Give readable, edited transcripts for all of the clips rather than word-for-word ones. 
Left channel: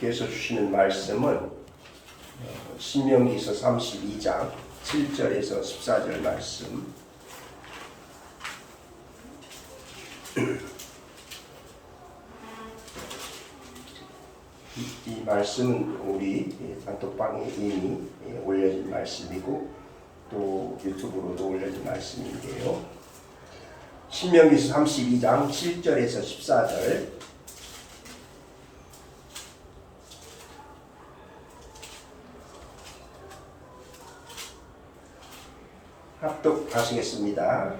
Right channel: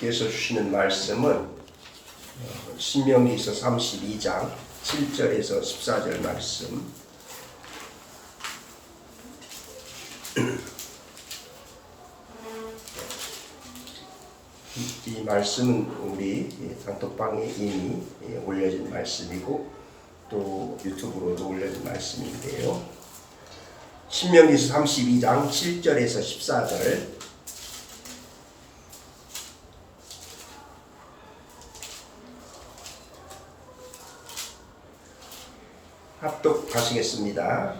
하나님께서 주시는 말씀은 신명기서 32장 7절에서 14절 말씀. 이 말씀은 우리 단톡방에 이미 올려진 말씀이고 또 유튜브로도 올려진 말씀인데요. 신명기서 32장 7절에서 14절 합독하시겠습니다.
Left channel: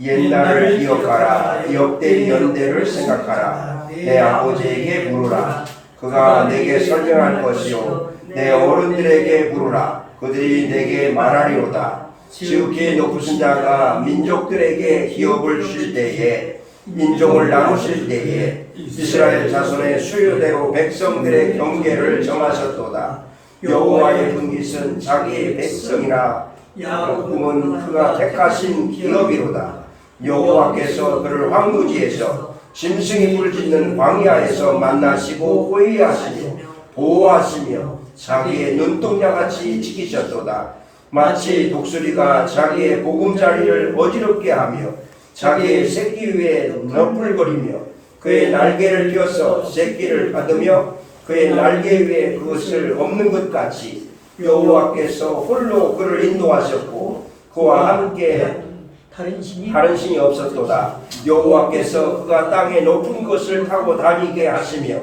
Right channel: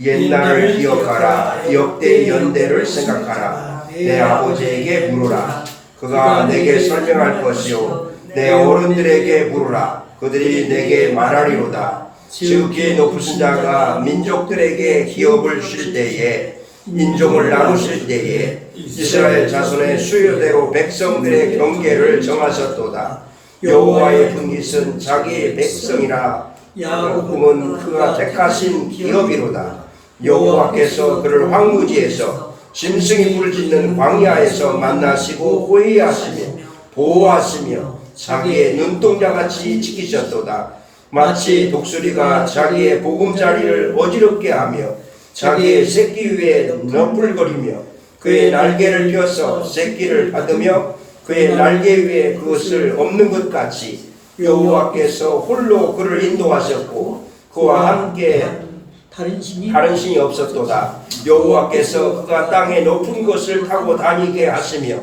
옛날을 기억하라. 역대 연대를 생각하라. 내 아버지에게 물으라. 그가 내게 설명할 것이요 내 어른들에게 물으라. 그들이 내게 말하리로다. 지극히 높으신 자가 민족들에게 기업을 주실 때에 인종을 나누실 때에 이스라엘 자손의 수요대로 백성들의 경계를 정하셨도다. 여호와의 분깃은 자기의 백성이라. 야곱은 그가 택하신 기업이로다. 여호와께서 그를 황무지에서 짐승이 뿔짓는 광야에서 만나시고 호위하시며 보호하시며 자기의 눈동자같이 지키셨도다. 마치 독수리가 자기의 보금자리를 어지럽게 하며 자기의 새끼 위에 너풀거리며 그의 날개를 펴서 새끼를 받으며 그의 날개 위에 그것을 엎는 것 같이 여호와께서 홀로 그를 인도하셨고 그와 함께 다른 신이 없었도다. 여호와께서 그가 땅의 높은 곳을 타고 다니게 하시며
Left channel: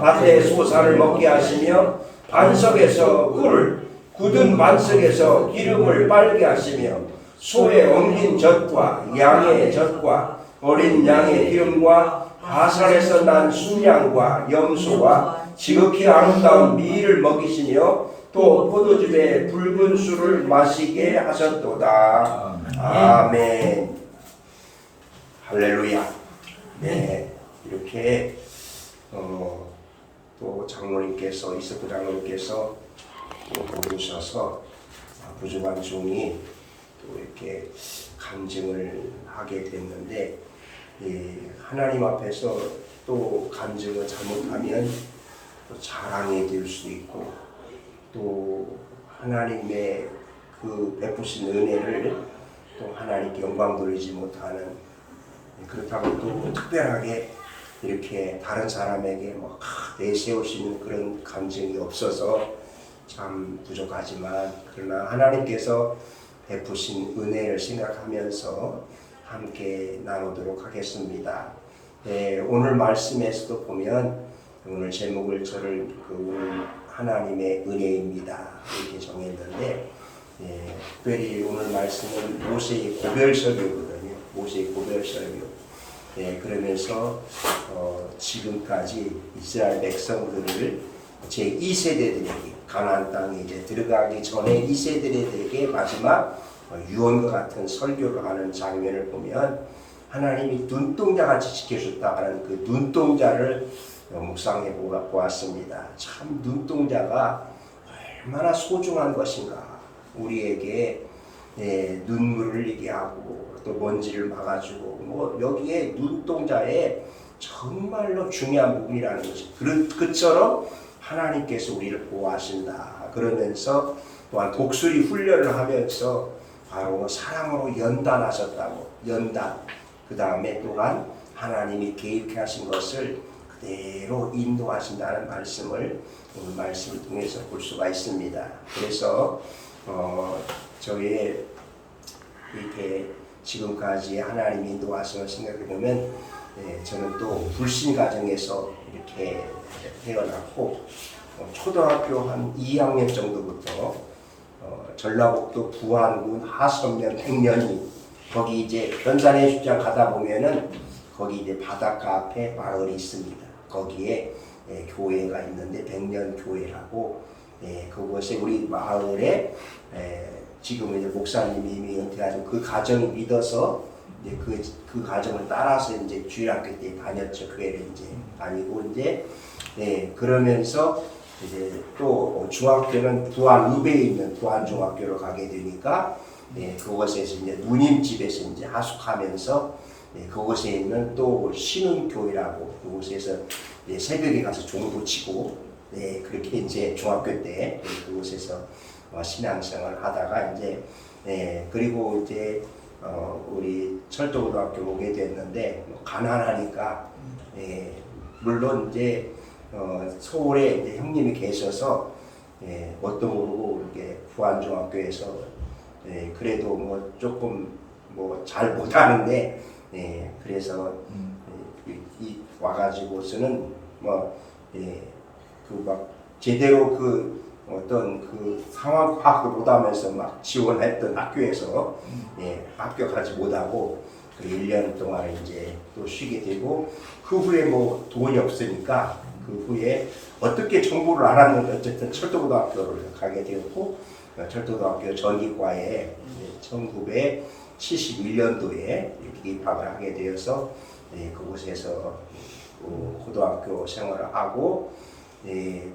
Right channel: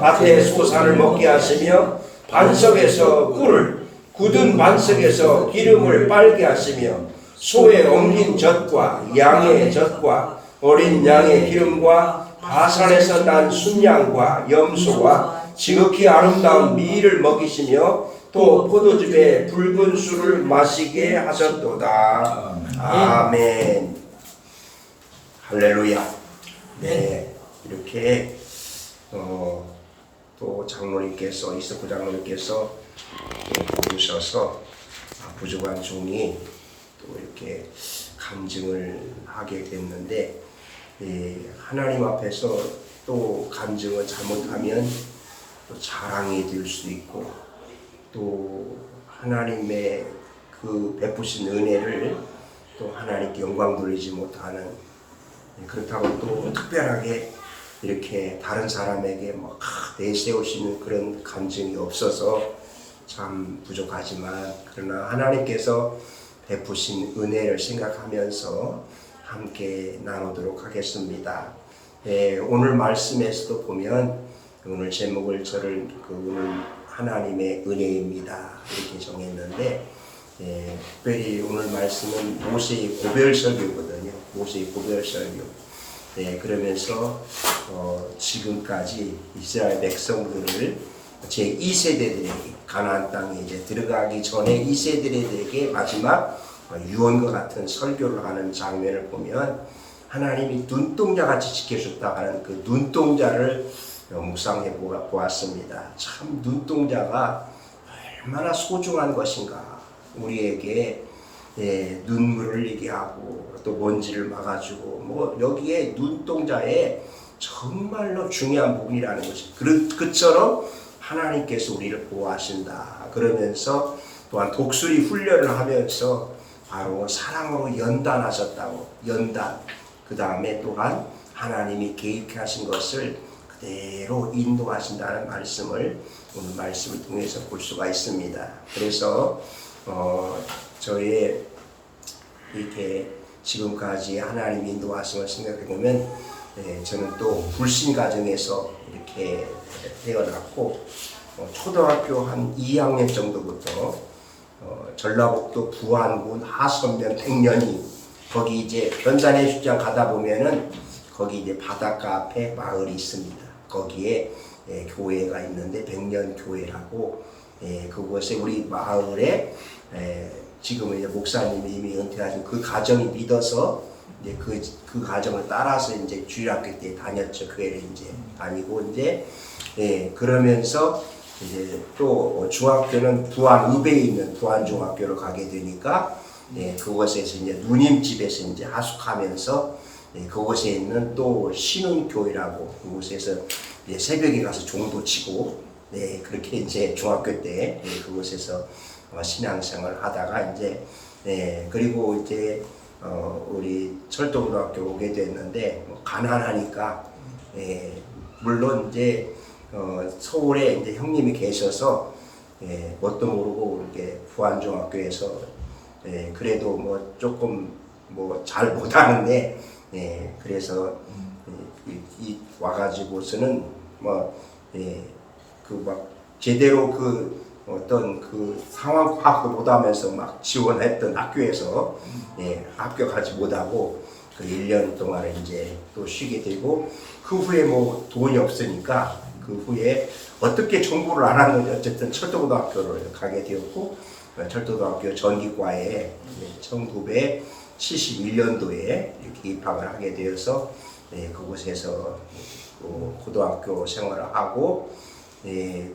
밭에 소산을 먹게 하시며 반석에서 꿀을 굳은 반석에서 기름을 빨게 하시며 소의 엉긴 젖과 양의 젖과 어린 양의 기름과 바산에서 난 순양과 염소와 지극히 아름다운 미를 먹이시며 또 포도즙에 붉은 술을 마시게 하셨도다. 아멘. 할렐루야. 네, 이렇게 또 장로님께서 이석구 장로님께서 보셔서 부족한 종이 또 이렇게 간증을 하게 됐는데 하나님 앞에서 또 간증을 잘못하면 또 자랑이 될 수도 있고 또 하나님의 그 베푸신 은혜를 또 하나님께 영광 돌리지 못하는, 그렇다고 또 특별하게 이렇게 다른 사람에게 막 내세우시는 그런 감정이 없어서 참 부족하지만 그러나 하나님께서 베푸신 은혜를 생각하면서 함께 나누도록 하겠습니다. 오늘 말씀에서도 보면 오늘 제목을 오늘 하나님의 은혜입니다 이렇게 정했는데 특별히 오늘 말씀은 모세의 고별설교거든요. 모세의 고별설교. 그러면서 지금까지 이스라엘 백성들을 제 2세대들에게 가나안 땅에 이제 들어가기 전에 2세대들에게 마지막 유언과 같은 설교를 하는 장면을 보면 하나님이 눈동자같이 지켜줬다 하는 그 눈동자를 묵상해 보았습니다. 참 눈동자가 얼마나 소중한 것인가. 우리에게 눈물을 흘리게 하고 또 먼지를 막아주고 여기에 눈동자에 정말로 중요한 부분이라는 것이 그처럼 하나님께서 우리를 보호하신다. 그러면서 또한 독수리 훈련을 하면서 바로 사랑으로 연단하셨다고. 연단. 그 다음에 또한 하나님이 계획하신 것을 그대로 인도하신다는 말씀을 오늘 말씀을 통해서 볼 수가 있습니다. 그래서 저의 이렇게 지금까지 하나님 인도하심을 생각해 보면 저는 또 불신 가정에서 이렇게 태어났고 초등학교 한 2학년 정도부터 전라북도 부안군 하선면 백년이 거기 이제 변산의 축장 가다 보면은 거기 이제 바닷가 앞에 마을이 있습니다. 거기에 교회가 있는데 백년교회라고 그곳에 우리 마을에 지금은 이제 목사님이 이미 은퇴하신 그 가정이 믿어서 이제 그 가정을 따라서 이제 주일학교 때 다녔죠. 교회를 이제 다니고 이제 그러면서 이제 또 중학교는 부안 읍에 있는 부안 중학교로 가게 되니까 그곳에서 이제 누님 집에서 이제 하숙하면서 그곳에 있는 또 신흥교회라고 그곳에서 새벽에 가서 종도 치고 네, 그렇게 이제 중학교 때 그곳에서 신앙생활을 하다가 이제 그리고 이제 우리 철도고등학교 오게 됐는데 가난하니까 물론 이제 서울에 이제 형님이 계셔서 뭣도 모르고 이렇게 부안중학교에서 그래도 뭐 조금 뭐 잘 못하는데 그래서 이 와가지고서는 뭐 그 막 제대로 그 어떤 그 상황 파악도 못하면서 막 지원했던 학교에서 합격하지 못하고 그 1년 동안에 이제 또 쉬게 되고 그 후에 뭐 돈이 없으니까 그 후에 어떻게 정보를 알았는지 어쨌든 철도고등학교를 가게 되었고 철도고등학교 전기과에 1971년도에 이렇게 입학을 하게 되어서 그곳에서 고등학교 생활을 하고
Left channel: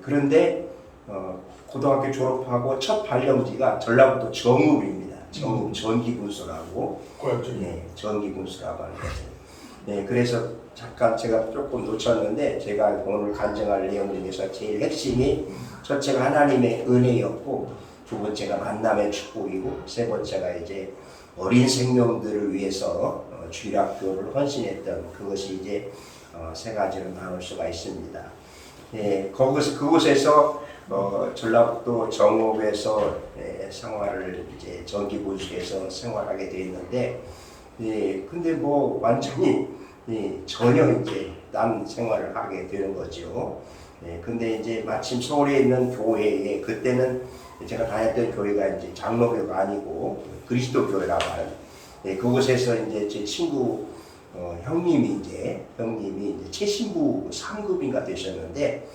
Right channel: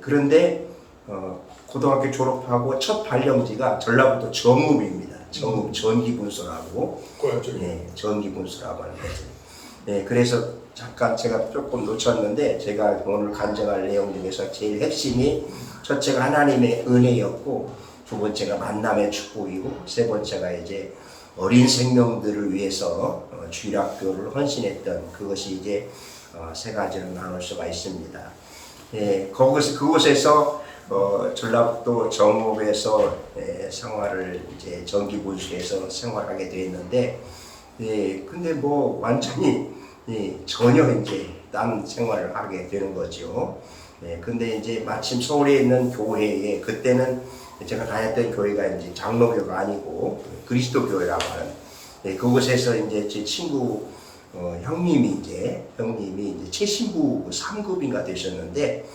그런데 고등학교 졸업하고 첫 발령지가 전라북도 정읍입니다. 정읍 전기분소라고 전기분소라고 하는 것을 그래서 잠깐 제가 조금 놓쳤는데 제가 오늘 간증할 내용 중에서 제일 핵심이 첫째가 하나님의 은혜였고 두 번째가 만남의 축복이고 세 번째가 이제 어린 생명들을 위해서 주일학교를 헌신했던 그것이 이제 세 가지로 나눌 수가 있습니다. 그곳에서 전라북도 정읍에서 생활을 이제 전기분수에서 생활하게 되었는데, 근데 뭐 완전히 전혀 이제 딴 생활을 하게 되는 거죠. 근데 이제 마침 서울에 있는 교회에 그때는 제가 다녔던 교회가 이제 장로교가 아니고 그리스도 교회라고 하는 그곳에서 이제 제 친구 형님이 이제 최신부 3급인가 되셨는데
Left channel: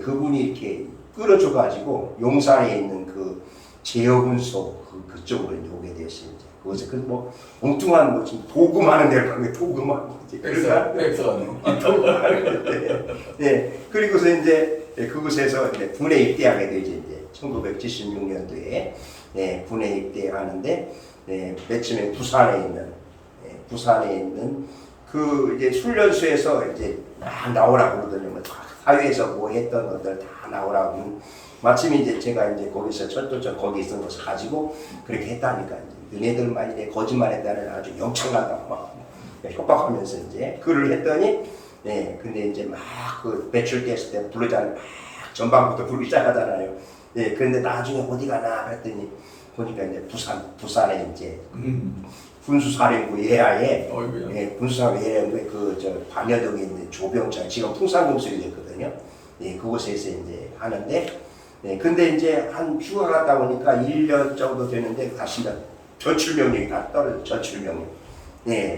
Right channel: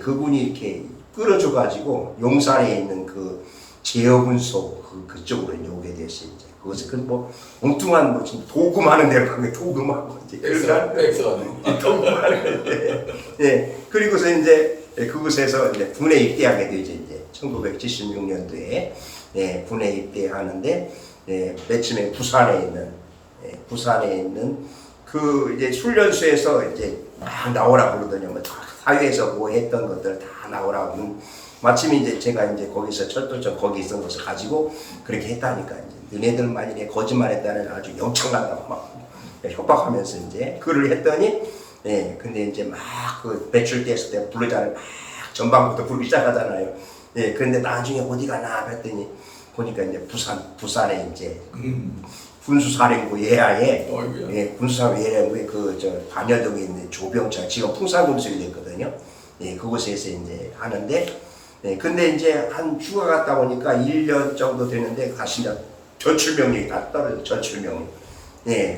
그분이 이렇게 끌어줘가지고 용산에 있는 그 제어분소 그쪽으로 이제 오게 됐어요. 이제 그것을 뭐 엉뚱한 뭐 지금 도금하는 데로 간 거예요. 도금하고 이제 도금하는 건데 그리고서 이제 그곳에서 이제 군에 입대하게 되죠. 이제 1976년도에 군에 입대하는데 맨 부산에 있는 그 이제 훈련소에서 이제 막 나오라고 그러더니 뭐 사회에서 뭐 했던 것들 다 나오라고 마침 이제 제가 이제 거기서 철도청 거기 있던 것을 가지고 그렇게 했다니까 이제 너네들 만일에 거짓말했다는 아주 영창 간다고 막 협박하면서 이제 글을 했더니 근데 이제 막 그 배출됐을 때 부르잖아요. 막 전방부터 부르기 시작하잖아요. 그런데 나중에 어디 가나 했더니 보니까 이제 부산에 이제 군수사령부 예하에 군수사령부 예하에 그 반여동에 있는 조병창 지금 풍산금속이 됐거든요. 그곳에서 이제 하는데 근데 이제 한 휴가 갔다 보니까 1년 정도 되는데 다시 이제 전출명령이 다 떨어져 전출명령.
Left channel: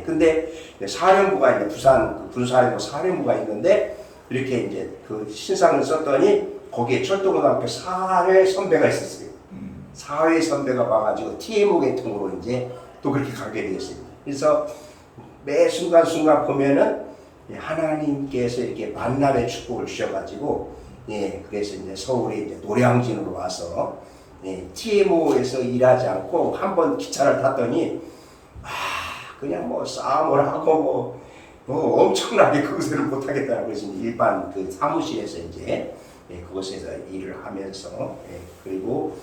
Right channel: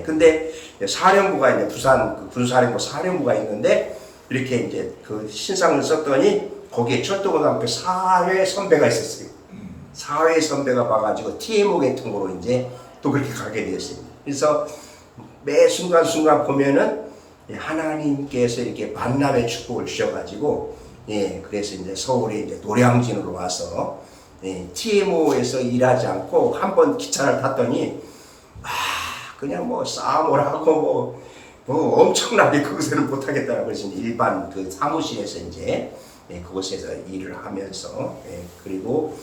근데 사령부가 이제 부산 그 군사령부 사령부가 있는데 이렇게 이제 그 신상을 썼더니 거기에 철도고등학교 사회 선배가 있었어요. 사회 선배가 봐가지고 TMO 계통으로 이제 또 그렇게 가게 되었습니다. 그래서 매 순간순간 보면은 하나님께서 이렇게 만남의 축복을 주셔가지고 그래서 이제 서울에 이제 노량진으로 와서 TMO에서 일하지 않고 한번 기차를 탔더니 그냥 뭐 싸움을 하고 뭐 엄청나게 거기서는 못하겠다라고 그래서 일반 그 사무실에서 이제 그곳에서 일을 하면서 그리고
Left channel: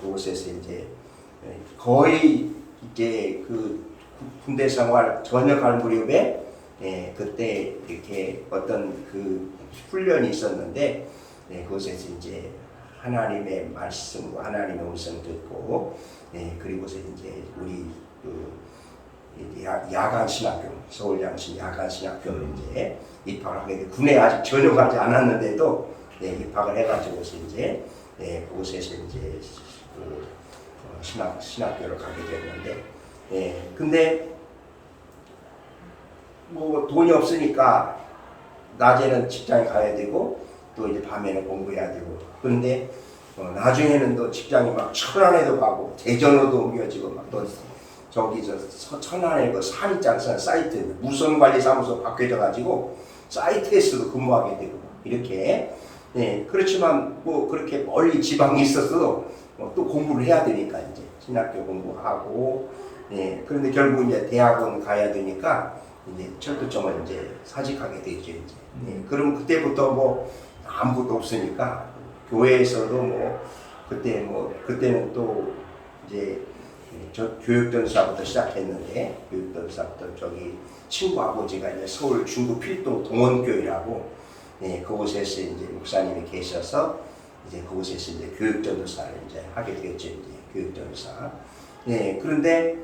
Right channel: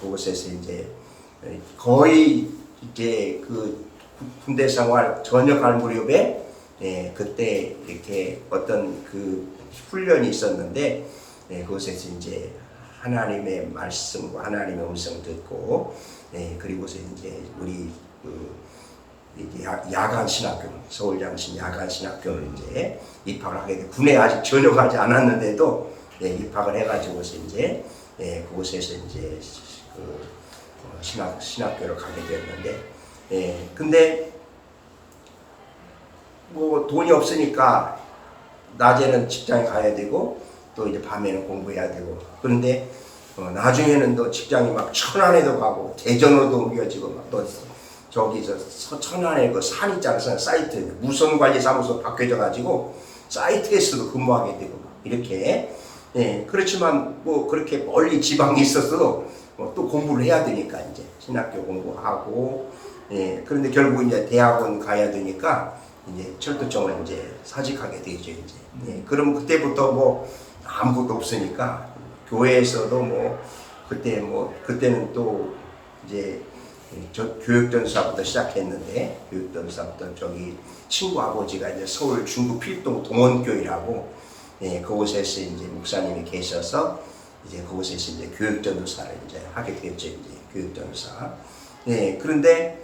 그곳에서 이제 거의 이제 그 군대 생활 전역할 무렵에 그때 이렇게 어떤 그 훈련이 있었는데 그곳에서 이제 하나님의 말씀과 하나님의 음성 듣고 그리고서 이제 우리 그 야간 신학교 서울장신 야간 신학교를 이제 입학을 하게 돼 군에 아직 전역하지 않았는데도 입학을 해가지고서 이제 그곳에서 이제 그 신학교를 가게 됐는데 근데 뭐 돈이 없으니까 낮에는 직장에 가야 되고 또 이제 밤에는 공부해야 되고 그런데 나중에는 또 직장이 막 천안에도 가고 대전으로도 옮겨지고 막 또 저기 천안에 그 산 있잖아요. 사이트 무선관리사무소 바뀌어져 가지고 사이트에서도 근무하게 되고 막 이렇게 그렇지만 뭐 그렇게 멀리 지방에 있어서 또 공부를 해야 되니까 이제 신학교 공부하고 그런데 결국 이제 대학원 가야 되니까 이제 철도청을 이제 사직하게 되죠 이제. 그럼 그때부터 뭐 아무것도 없으니까 교회에서도 뭐 그때는 또 이제 저 교육전사부터 시작했는데 교육전사부터 저기 친구 아버지가 이제 서울 중구 필동 동원교회라고 그곳에서 이제 목사님이 계셔서 이제 그곳에서 이제 교육전도사를 이제 하게 됐죠. 이제 교육전도사. 그런데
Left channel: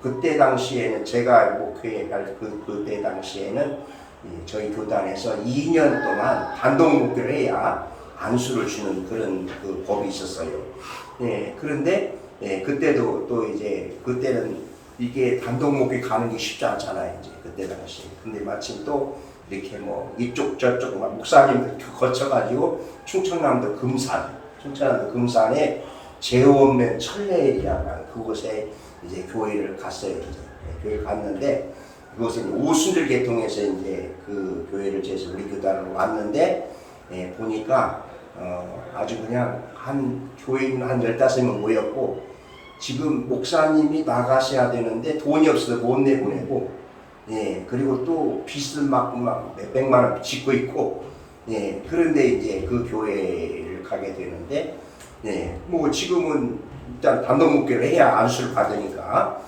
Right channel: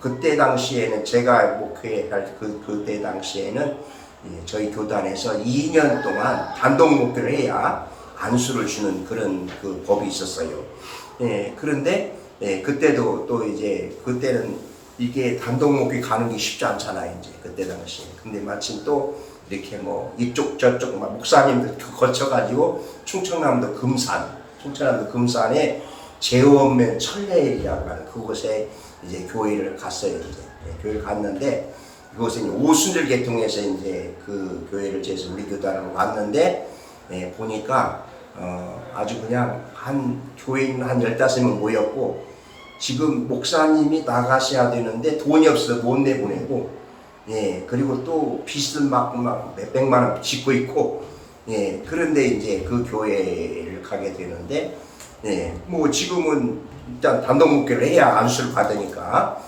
그때 당시에는 제가 목회할 그때 당시에는 저희 교단에서 2년 동안 단독 목회를 해야 안수를 주는 그런 그 법이 있었어요. 그런데 그때도 또 이제 그때는 이게 단독 목회 가는 게 쉽지 않잖아요. 이제 그때 당시. 근데 마침 또 이렇게 뭐 이쪽 저쪽 막 목사님들 거쳐가지고 충청남도 금산에 제원면 천례이라고 하는 그곳에 이제 교회를 갔어요. 이제 교회를 갔는데 그곳에 이제 오순절 계통에서 이제 그 교회를 제해서 우리 교단으로 왔는데 보니까 아주 그냥 한 교인 한 15명 모였고 지금 목사님이 나가셔야 되는데 돈이 없어서 못 내보내고 그리고 또 빚은 막 몇백만 원 짓고 있고 그런데 이제 그 교회를 가게 되는데 뭐 지금은 일단 단독 목회를 해야 안수를 받으니까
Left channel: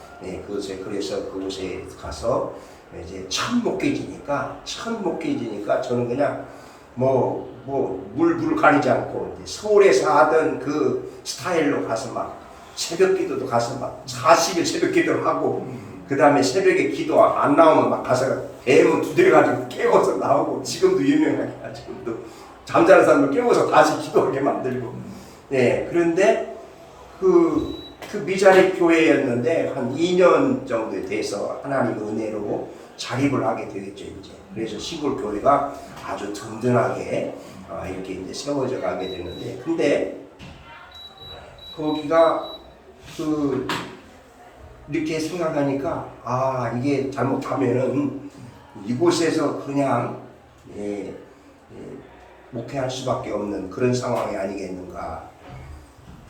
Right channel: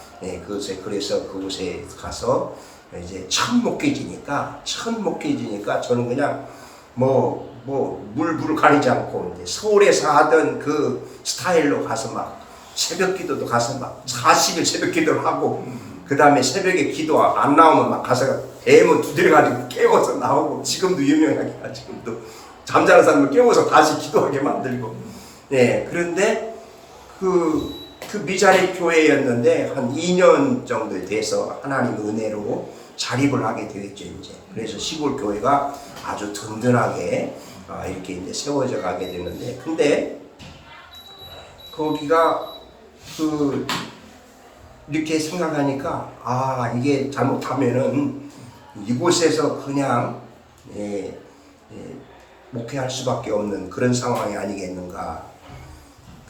그래서 그곳에 가서 이제 첫 목회지니까 저는 그냥 물불을 가리지 않고 이제 서울에서 하던 그 스타일로 가서 막 새벽 기도도 가서 막 40일 새벽 기도를 하고 그 다음에 새벽에 기도 안 나오면 막 가서 대문 두드려가지고 깨워서 나오고 지금도 유명하게 지금도 잠자는 사람을 깨워서 다시 기도하게 만들고 그런데 그 미자립 교회였는데 한 2년 정도 돼서 하나님 은혜로 자립을 하게 되겠죠 이제. 그래서 시골 교회가 아주 든든하게 이렇게 이제 세워져 가게 되는데 근데 거기가 이렇게 생각하니까 이게 잘못하면은 이곳에서 그냥 목회할 수밖에 없는 그런 상황이 아니겠는가.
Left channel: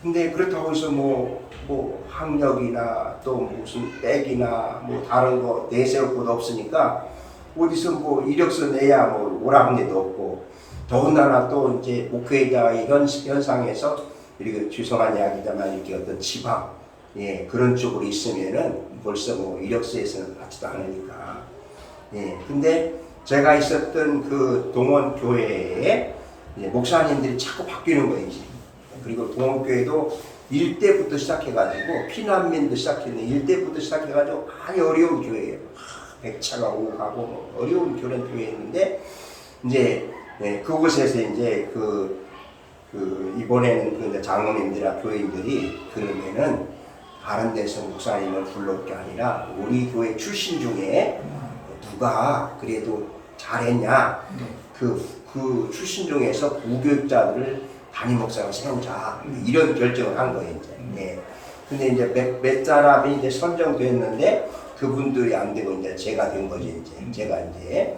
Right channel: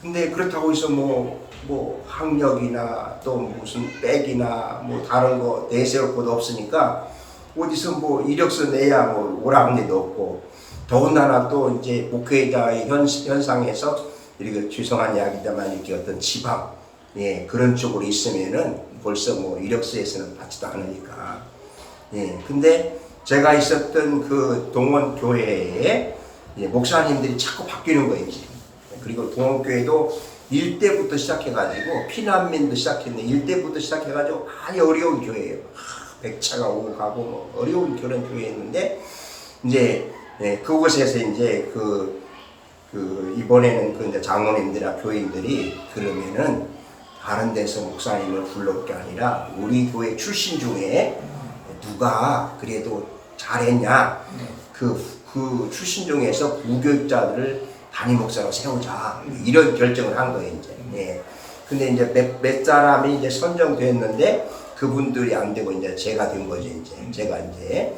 근데 그렇다고 해서 뭐 학력이나 또 무슨 백이나 뭐 다른 거 내세울 것도 없으니까 어디서 뭐 이력서 내야 뭐 오라는 데도 없고 더군다나 또 이제 목회자의 현상에서 이렇게 죄송한 이야기지만 이렇게 어떤 지방 그런 쪽으로 있으면은 벌써 뭐 이력서에서는 받지도 않으니까 근데 제가 있었던 그 동원 교회에 목사님들이 자꾸 바뀌는 거예요 이제. 그리고 동원교회도 일대부터 시작해가지고 피난민도 시작했는데 일대부터 시작해가지고 많이 어려운 교회예요. 백차가 오고 가고 뭐 어려운 그런 교회였는데 이제 그곳에서 이제 이번에는 그 이제 장로님들이나 교인들이 그러면은 다른 데서 목사님을 불러올 게 아니라 우리 교회 출신 중에 누가 그래도 잘했냐 그 출신 중에서 부교육자들을 담임 목사로 세우자 이런 결정을 한 거예요 이제. 근데 이제 몇 사람이 이제 선정됐는데 그분들이 안 되고 이제 제가 된 거죠 이제. 제가 이제.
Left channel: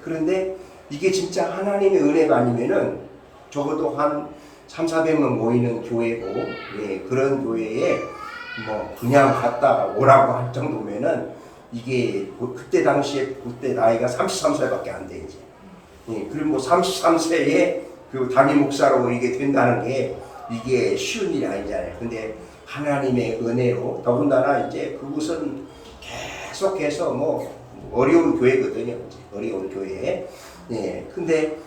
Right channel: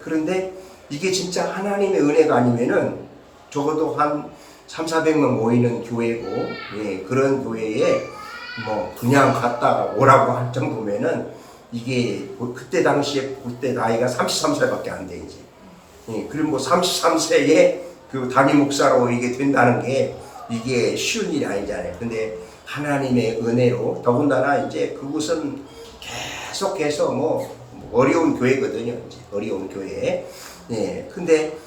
그런데 이게 진짜 하나님의 은혜가 아니면은 적어도 한 300~400명 모이는 교회고 그런 교회에 뭐 그냥 갔다가 오라고 할 정도면은 이게 그때 당시에 그때 나이가 33살밖에 안 돼 이제. 그리고 뭐 33세에 그 담임 목사로 이게 된다는 게 이게 쉬운 일이 아니잖아요. 근데 하나님의 은혜로 더군다나 이제 그곳은 계속해서 뭐 어려운 교회거든요. 이제 어려운 교회. 근데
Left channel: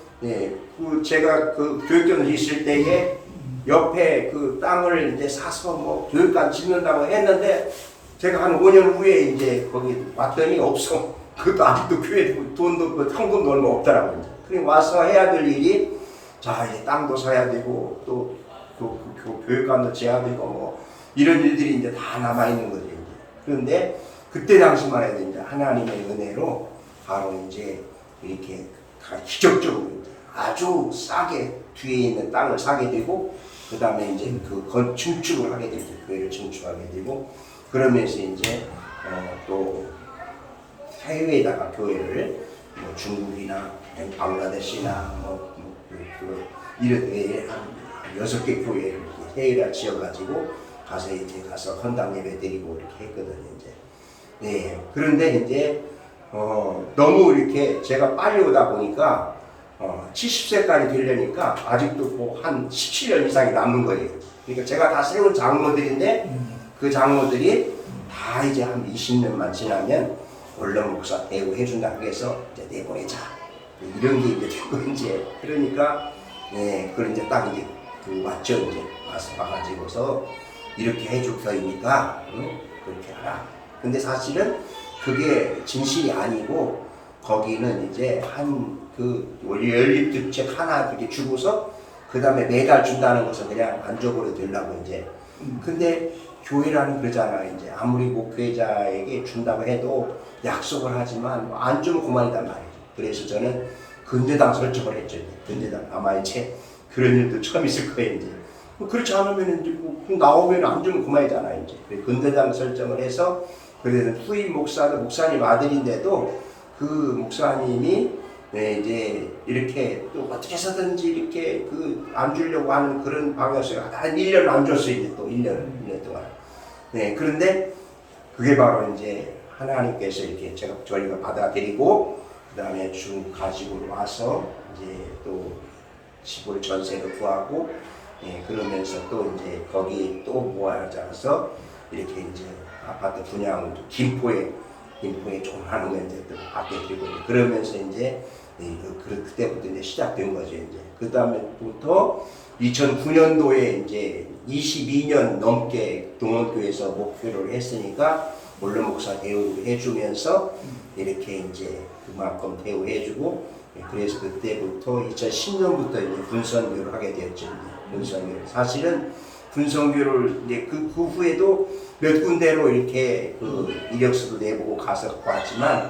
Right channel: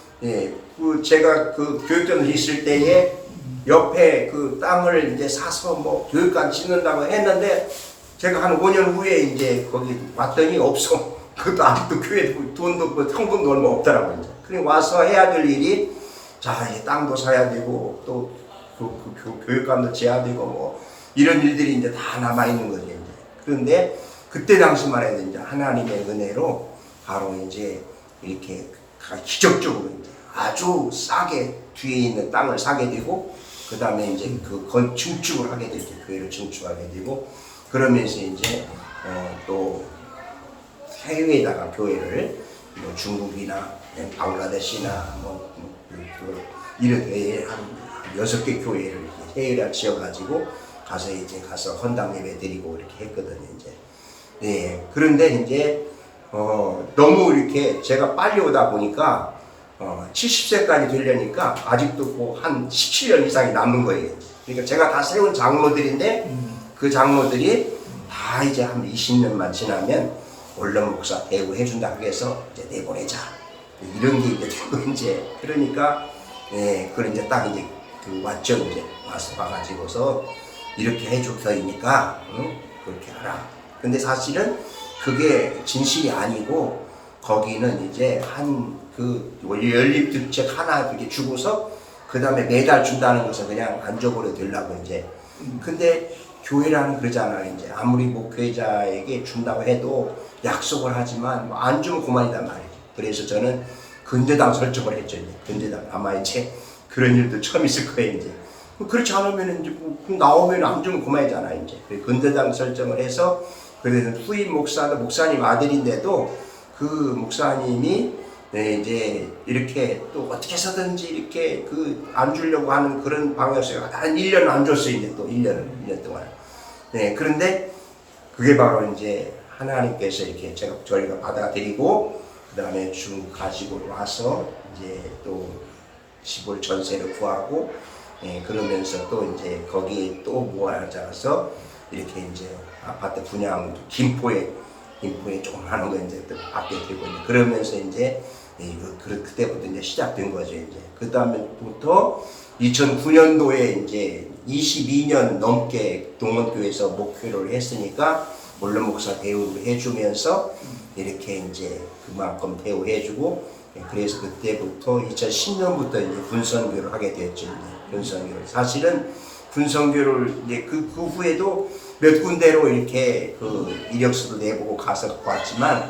제가 그 교육전을 있을 때에 옆에 그 땅을 이제 사서 뭐 교육관 짓는다고 했는데 제가 한 5년 후에 이제 거기 왔더니 없어. 그것도 아직도 교회 돈도 그 현금도 얼마 없더라고요. 이제. 그리고 와서 해야 될 일이 자, 이제 땅도 사야 되고 또 교육관도 지어야 되고 뭐 이런 일들이 이제 다 남아 있는 거죠. 이제. 그런데 그때 당시만 해도 이제 하나님의 은혜로 바로 이제 이렇게 기적적으로 이제 아주 싸게 뒤에 있는 땅을 사게 되고 그 다음에 이제 증축을 하게 되죠. 교회를 증축하게 되고 그러면서 이제 또 해외에다가 교회를 뭐 중국이나 방글라데시나 이렇게 한 6개 교회를 해외에 지어가지고 가서 헌당 예배 드리고 이렇게 했거든요 이제. 그런데 이제 너무 이렇게 제가 빨리 오다 보니까 70세까지 되려니까 아직도 뭐한 17년 이상이 남는 거예요. 그러니까 제가 다 세운 장로들인데 그 장로들이 다 이제 한 20년만 지나면 원룸 목사 대우해 준다 해서 이제 내보내자. 이런 게 이제 되고 이제 그러니까 그걸 이제 딱 이제 왔죠. 이제 와가지고서 이렇게 해줄 터이니까 그렇게 하라. 근데 사실은 그게 진실이 아니고 거기는 이제 한 연립주택 하나 이렇게 주고서 그 다음에 매달 준다는 것은 그냥 안 줘버려 되려고 이제. 근데 교회라는 그러잖아요. 이제 아무리 목회자에게 준다고 해도 약속을 하지만 안 주면 그만이단 말이에요. 그래서 저는 근대당 설정을 했죠. 이제. 근대당 아마 이제 그런 일도 처음 있을 거예요. 이제 그렇지 않으면 이제 나오면 안 주면 그만이잖아요. 이제 근대당 설정을 해서 그래서 후임 목사도 목사님 아들인데도 그 목사님이 이제 이렇게 또 어떻게 해서든지 이렇게 안 주려고 하는 그런 방향에서 한 1년 안 줬어요. 이제 또 1년 동안. 그런데 그게 바로 이제 하나님께서 이렇게 저희가 받아들이고 그 다음에 가지고 와서 이제 또 집을 전세로 구하고 그러면서 또 이제 거기 또 모아져서 이렇게 이제 아파트 분양 김포에 좀 하는 거 이제 받게 되고 이제 그러면서 이제 그때부터 이제 시작된 거죠. 이제 그 다음에부터 2009년도에 이제 22년 넘게 동원교회에서 목회를 했으니까 물론 목사 대우를 해주면서 이렇게 이제 그만큼 대우해주고 그래서 그때부터 2010년부터 이제 군선교를 하게 되었죠. 이제 군선교를 사실은 군선교를 이제 그 후에도 몇 군데로 이렇게 이력서도 내보고 가서 왔지만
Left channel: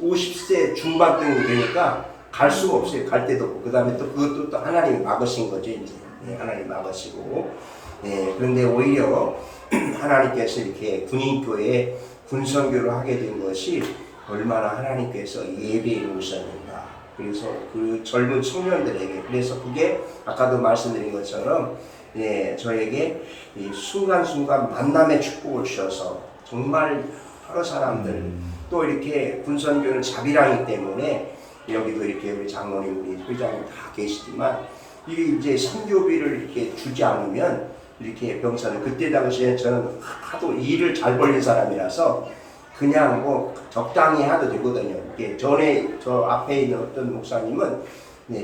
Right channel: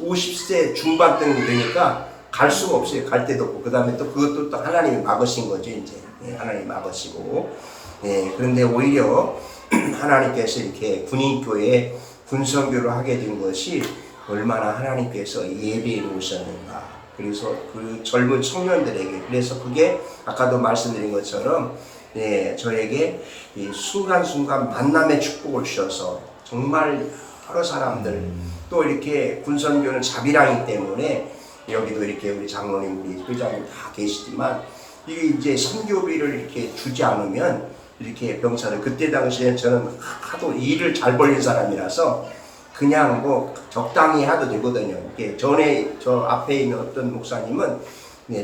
50세 중반등 되니까 갈 수가 없어요. 갈 데도 없고 그 다음에 또 그것도 또 하나님이 막으신 거죠. 이제 하나님이 막으시고 그런데 오히려 하나님께서 이렇게 군인교회에 군선교를 하게 된 것이 얼마나 하나님께서 예배해 놓으셨는가. 그래서 그 젊은 청년들에게 그래서 그게 아까도 말씀드린 것처럼 저에게 이 순간순간 만남의 축복을 주셔서 정말 여러 사람들 또 이렇게 군선교는 자비랑이기 때문에 여기도 이렇게 우리 장로님 우리 회장님 다 계시지만 이게 이제 선교비를 이렇게 주지 않으면 이렇게 병사들 그때 당시에 저는 하도 일을 잘 벌린 사람이라서 그냥 뭐 적당히 해도 되거든요. 이게 전에 저 앞에 있는 어떤 목사님은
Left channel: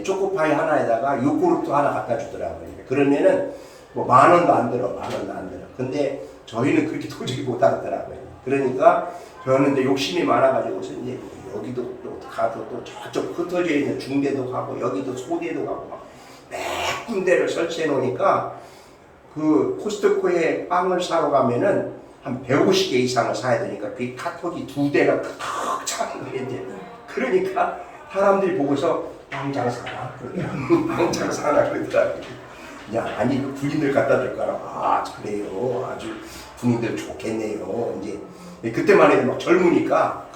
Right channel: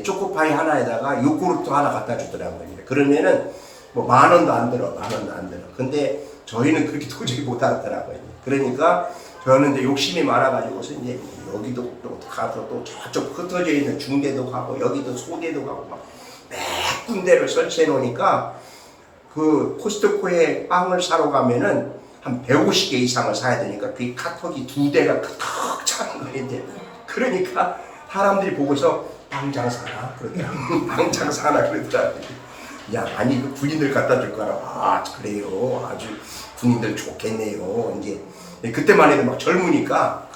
초코파이 하나에다가 요구르트 하나 갖다 주더라고요. 그러면은 뭐 10,000원도 안 들어, 10,000원도 안 들어. 근데 저희는 그렇게 도저히 못 하더라고요. 그러니까 저는 이제 욕심이 많아가지고서 이제 여기도 또 가서 또 저쪽 흩어져 있는 중대도 가고 여기도 소대도 가고 막 몇 군데를 설치해 놓으니까 그 코스트코에 빵을 사러 가면은 한 150개 이상을 사야 되니까 그 카톡이 2대가 가득 차는 거예요. 그러니까 사람들이 보고서 빵 장사하나 그러더라고요. 빵 장사하나 그러더라고요. 야, 아니 그 군인들 갖다 줄 거라. 아, 그래요. 아주 군인들 좋겠네요. 이제 그때만 해도 막 젊으니까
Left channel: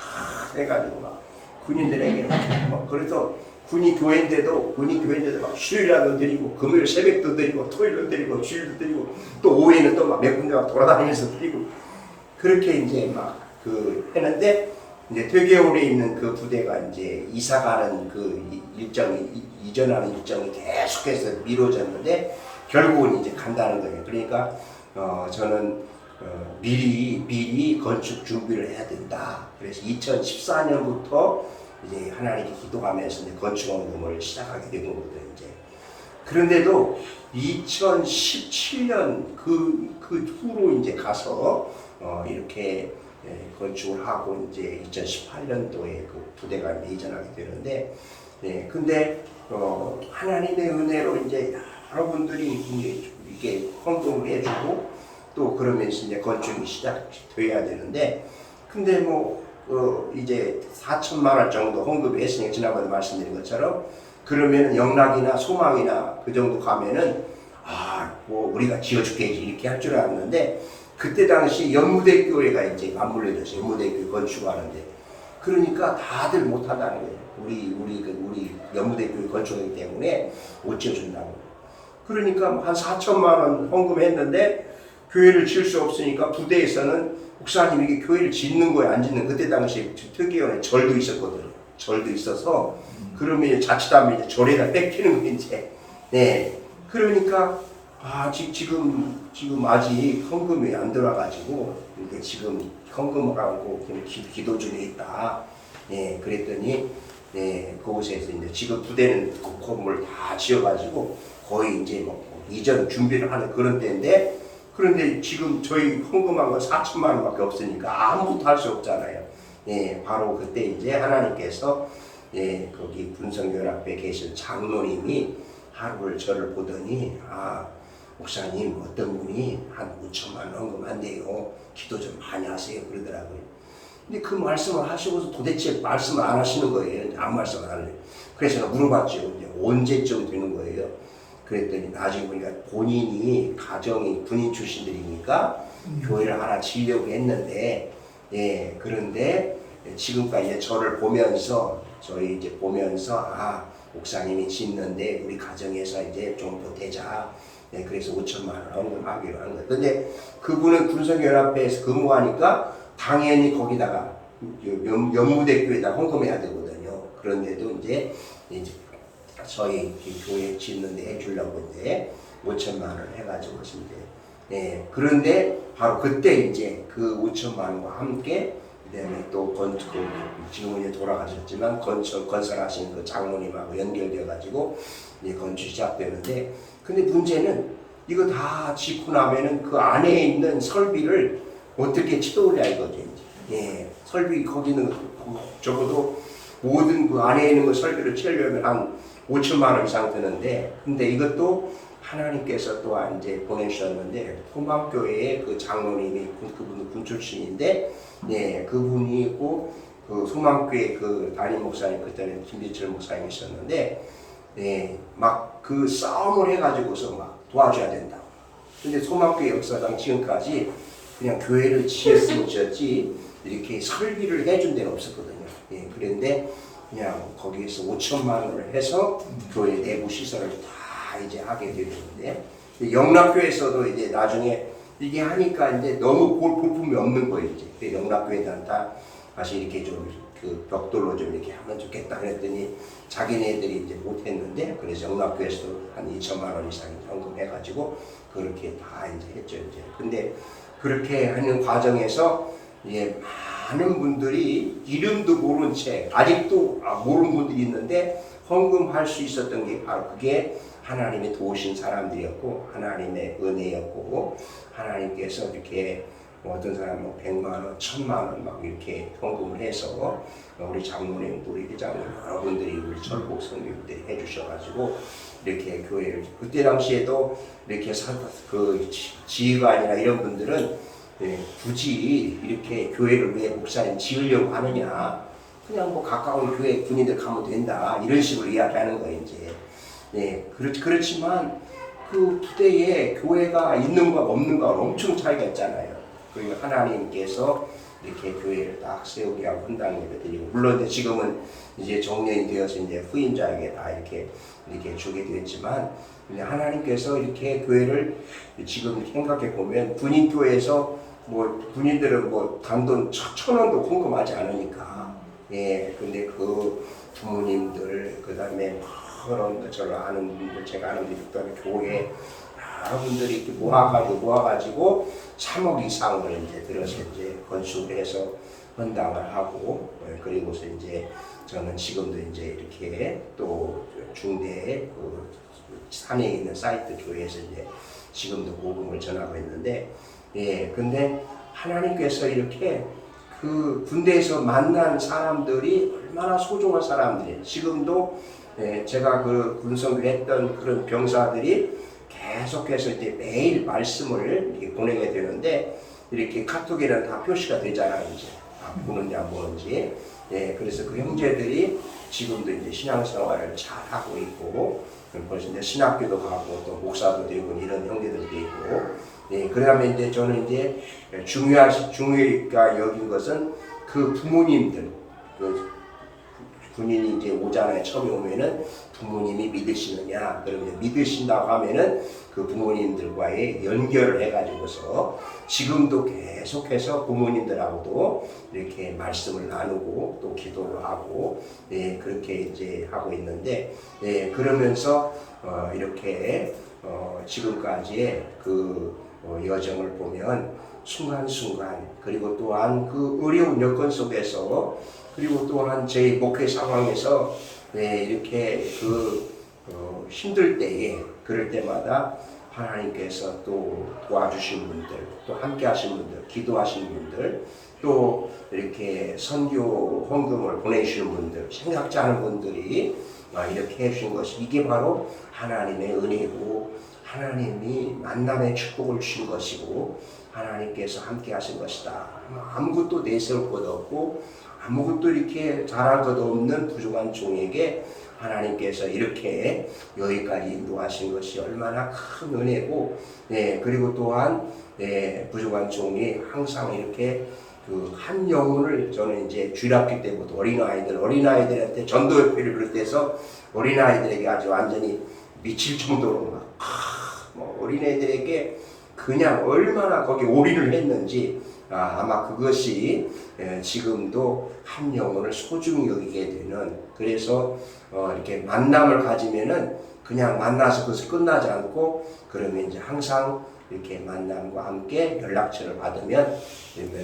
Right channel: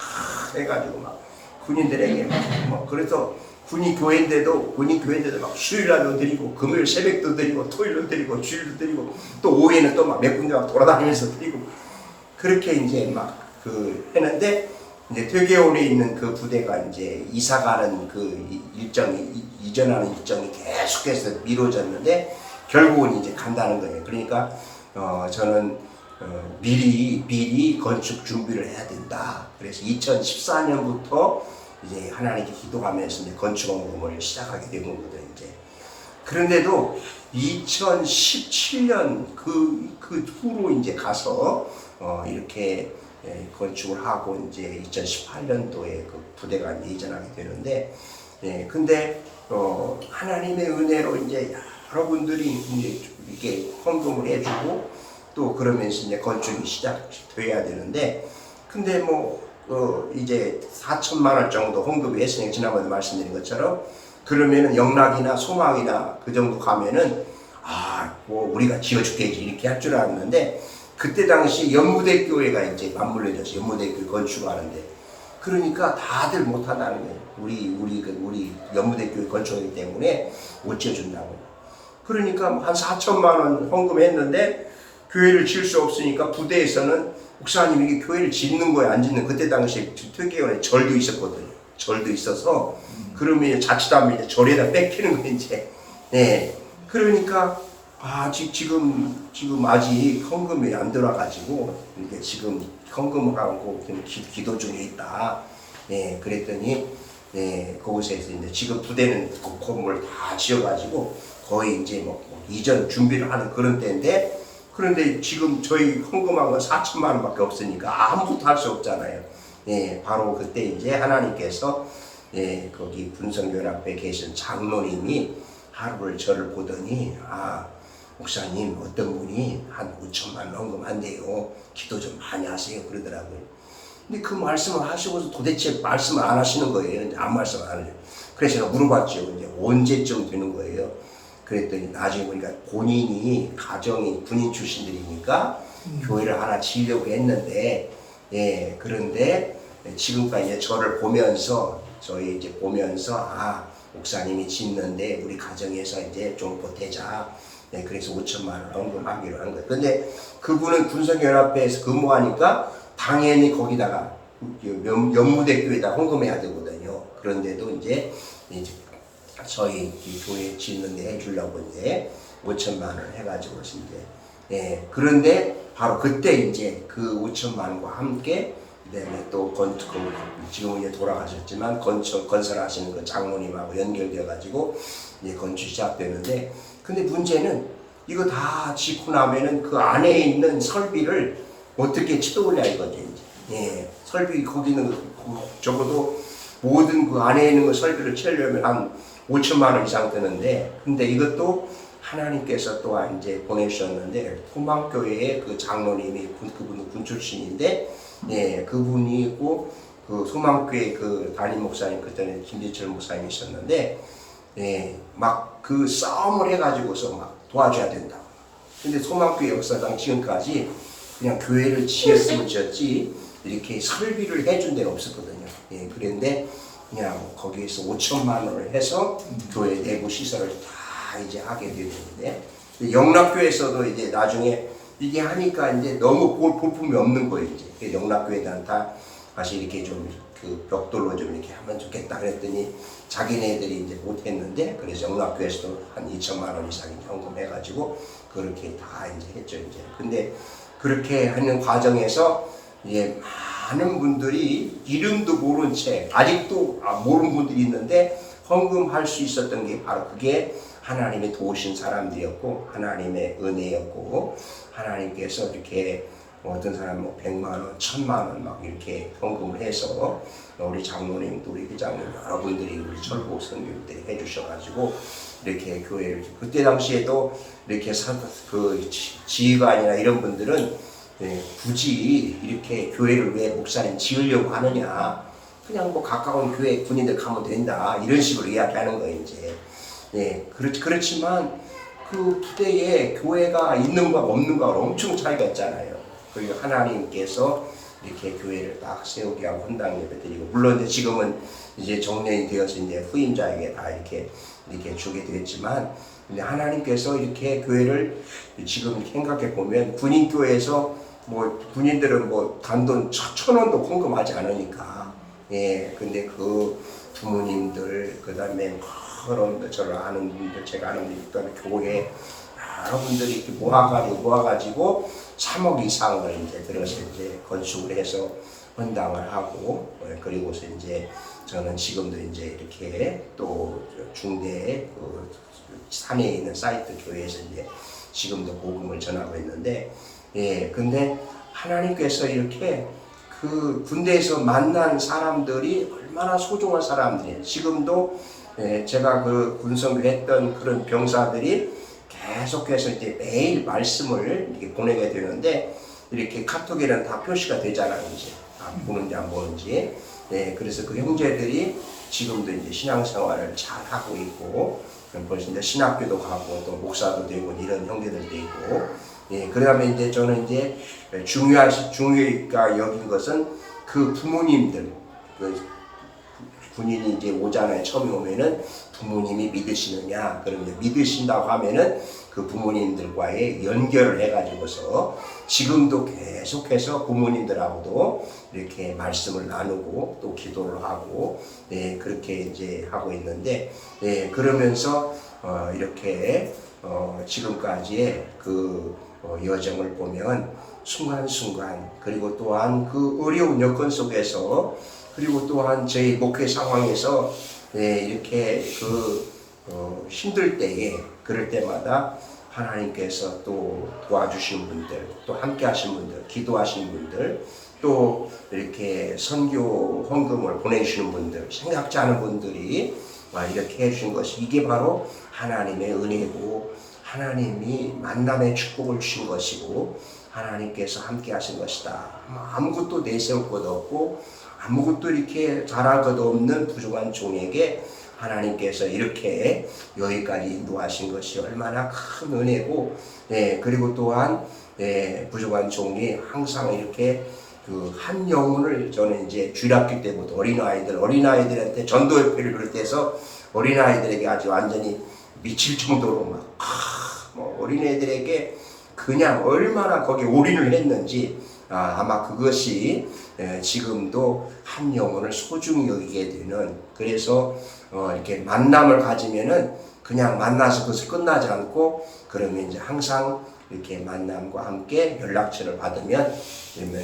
해가지고 막 군인들에게 막 그래서 군인 교회인데도 막 수요일날도 드리고 금요일 새벽도 드리고 토요일도 드리고 주일도 드리고 또 오후에는 또 막 몇 군데 막 돌아다니면서 드리고 그렇게 이제 막 했는데 이제 퇴계홀에 있는 그 부대가 이제 이사가는 그 일정이 이전하는 일정이 계속해서 미뤄졌는데 결국은 이제 간다는 거예요. 그러니까 저는 미리 건축 준비를 해야 된다. 그래서 2014년부터 이제 하나님께 기도하면서 이제 건축원금을 시작하게 된 거거든요. 이제 그런데도 2017년 그 후로 이제 가서 이렇게 건축을 하고 이제 2018년도에 그 부대가 이제 이전하게 되는데, 근데 하나님의 은혜로 이제 여러분들이 이제 이게 헌금을 해주고 또 그러면서 이제 건축이 시작돼야 되는데, 근데 뭐 이제 4천만 원 정도 헌금을 했으니까 지난번에 말씀드린 것처럼 그러면은 영락이나 소망이나 그 정도 가면은 뭐 우리가 지어줄게지 이렇게 할 줄 알았는데 그때 당시 연무대 교회가 이제 맞물려져서 연무대 교회 건축하는데 그러니까 다들 못한다는 거예요. 우리 연무대 교회 건축하기 때문에 못 지어준다고요. 그러니까 한 4천만 원 헌금했는데 교회를 지을 수 없으니까 부대에서는 목사님 이게 교회를 짓는 거예요, 안 짓는? 그때 당시에 퇴계원에 절도 있었거든요. 절도 있어서 그러면 자칫하면 이제 절에다 뺏기는 거 이제. 네. 그러니까 지금 아직 헌금이 안 들어와가지고 이렇게 지금 헌금하고 기도 중에 있다. 네. 그랬더니 그곳에서 이제 지금 부대는 그 건물 다 지어가지고 거의 이제 뭐 이전 준비를 하는 그런 때인데, 그런데 지금 저희 헌금한 건 4천만 원밖에 없으니까 아무것도 할 수 없잖아요. 바로 그때 이제 하나님께서 거기 군성연합회 계신 장로님이 하루를 저를 보더니, 목사님 어떤 분이 한 5천만 원 헌금한대요. 기도 좀 많이 하세요. 그러더라고요. 근데 그 말씀을 하시고서 도대체 말씀을 안 하시는 거예요. 이제 아무 말씀 안 하는 거예요. 그래서 제가 물어봤죠. 이제 언제쯤 되는 거예요. 그랬더니 나중에 보니까 본인이 가정이 군인 출신들이니까 교회를 하나 지으려고 했는데, 그런데 지금까지 이제 저를 보면서 저희 이제 보면서 목사님이 짓는데 우리 가정에서 이제 좀 보태자. 그래서 5천만 원 헌금하기로 한 거예요. 근데 그분은 군성연합회에서 근무하니까 당연히 거기다가 연무대교에다 헌금해야 되거든요. 그런데도 이제 저희 교회 짓는데 해주려고 이제 5천만 원을 해가지고 이제 그런데 바로 그때 이제 그 5천만 원과 함께 그다음에 또 지금은 이제 돌아가셨지만 건설하시는 그 장로님하고 연결되어 가지고 이제 건축 시작되는데, 근데 문제는 이거 다 짓고 나면은 그 안에 있는 설비를 어떻게 치도올려 이거죠 이제. 설비 거기는 적어도 모든 그 안에 있는 그 설비를 치려면 한 5천만 원 이상 드는데, 근데 이것도 하나님께서 또한 이제 보내주셨는데, 소망교회의 그 장로님이 그분도 군 출신인데, 그분이고 그 소망교회 그 담임 목사님 그때는 김대철 목사님이셨는데, 막 그 싸움을 해가지고서 막 도와줘야 된다고. 근데 소망교회 역사상 지금까지 그냥 교회를 지었으면 지었지 이렇게 설비를 해준 데는 없었거든요. 그런데 그냥 거기에서 5천만 원을 해서 교회 내부 시설을 다 이제 하게 되는데, 영락교에서도 이제 나중에 이게 하니까 이제 너무 볼품이 없는 거예요. 이제 영락교회는 다 다시 이렇게 좀 그 벽돌로 좀 이렇게 하면 좋겠다 그랬더니 자기네들이 이제 못했는데, 그래서 영락교에서도 한 2천만 원 이상 헌금해가지고 그렇게 다 이제 했죠 이제. 근데 그렇게 하는 과정에서 이제 많은 분들이 이름도 모른 채 아직도 모르는 분들이 있는데 헌금할 수 있었던 게 바로 그게 하나님의 도우신 사람들이었고 하나님의 은혜였고, 하나님께서 이렇게 어떤 사람은 100만 원, 1000만 원 막 이렇게 헌금을 해서 우리 장로님도 우리 회장님 여러분들이 우리 철복 성교들이 해주셔가지고 이렇게 교회를, 그때 당시에도 이렇게 그 지휘관이나 이런 분들은 굳이 이렇게 교회를 왜 목사님 지으려고 하느냐, 그냥 뭐 가까운 교회 군인들 가면 된다 이런 식으로 이야기하는 거예요 이제. 그렇지만 그 부대에 교회가 있는가 없는가 엄청 차이가 있잖아요. 그리고 하나님께서 이렇게 교회를 딱 세우게 하고 헌당 예배 드리고, 물론 이제 지금은 이제 정년이 되어서 이제 후임자에게 다 이렇게 주게 되었지만, 하나님께서 이렇게 교회를 지금 생각해 보면 군인교회에서 뭐 군인들은 뭐 단돈 1,000원도 헌금하지 않으니까, 근데 그 부모님들 그다음에 그런 저를 아는 분들, 제가 아는 분들, 그다음에 교회 여러분들이 이렇게 모아가지고 3억 이상을 이제 들어서 이제 건축을 해서 헌당을 하고, 그리고서 이제 저는 지금도 이제 이렇게 또 중대 그 산에 있는 사이트 교회에서 이제 지금도 복음을 전하고 있는데, 근데 하나님께서 이렇게 그 군대에서 만난 사람들이 얼마나 소중한 사람들이에요. 지금도 제가 그 군성교 했던 그런 병사들이 계속해서 이제 매일 말씀을 이렇게 보내게 되는데, 이렇게 카톡에는 다 표시가 되잖아요. 이제 보는지 안 보는지. 그래서 그 형제들이 지금도 이제 신앙생활을 잘 하고 있고, 벌써 이제 신학교도 가고 또 목사도 되고 이런 형제들도 있고. 그다음에 이제 저는 이제 중요하가 여긴 것은 그 부모님들, 그 군인이 이제 오잖아요. 처음에 오면은 부모님이 믿으시느냐? 그러면 믿으신다고 하면은 그 부모님들과의 연결을 해가지고서 지금도 계속해서 부모님들하고도 이렇게 말씀을 나누고 또 기도를 하고 그렇게 이제 하고 있는데 그러면서 이렇게 지금까지의 그 여정을 보면 순간순간 그리고 또한 그 어려운 여건 속에서 그리고 또한 저희 목회 상황에서 이렇게 힘들 때에 그럴 때마다 하나님께서 또 도와주신 분들 또 함께 하신 분들 기도하신 분들 또 이렇게 선교 헌금을 보내주시는 분들 생각지 않은 분들이 이렇게 해주신 것이 이게 바로 하나님의 은혜고 하나님이 만남의 축복을 주신 것이고 하나님께서 함께 하신 것이다. 아무것도 내세울 것 없고 아무것도 이렇게 잘할 것 없는 부족한 종에게 하나님께서 이렇게 여기까지 인도하신 것이 얼마나 큰 은혜고 그리고 또한 부족한 종이 항상 이렇게 그 한 영혼을 저는 이제 주일학교 때부터 어린아이들한테 전도협회를 비롯해서 어린아이들에게 아주 완전히 미칠 정도로 어린애들에게 그냥 얼마나 거기에 올인을 했는지 아마 그것이 지금도 한 영혼을 소중히 여기게 되는 그래서 이렇게 만남을 가지면은 그냥 만나서 그것을 끝나지 않고 그러면 이제 항상 이렇게 만남과 함께 연락처를 받으면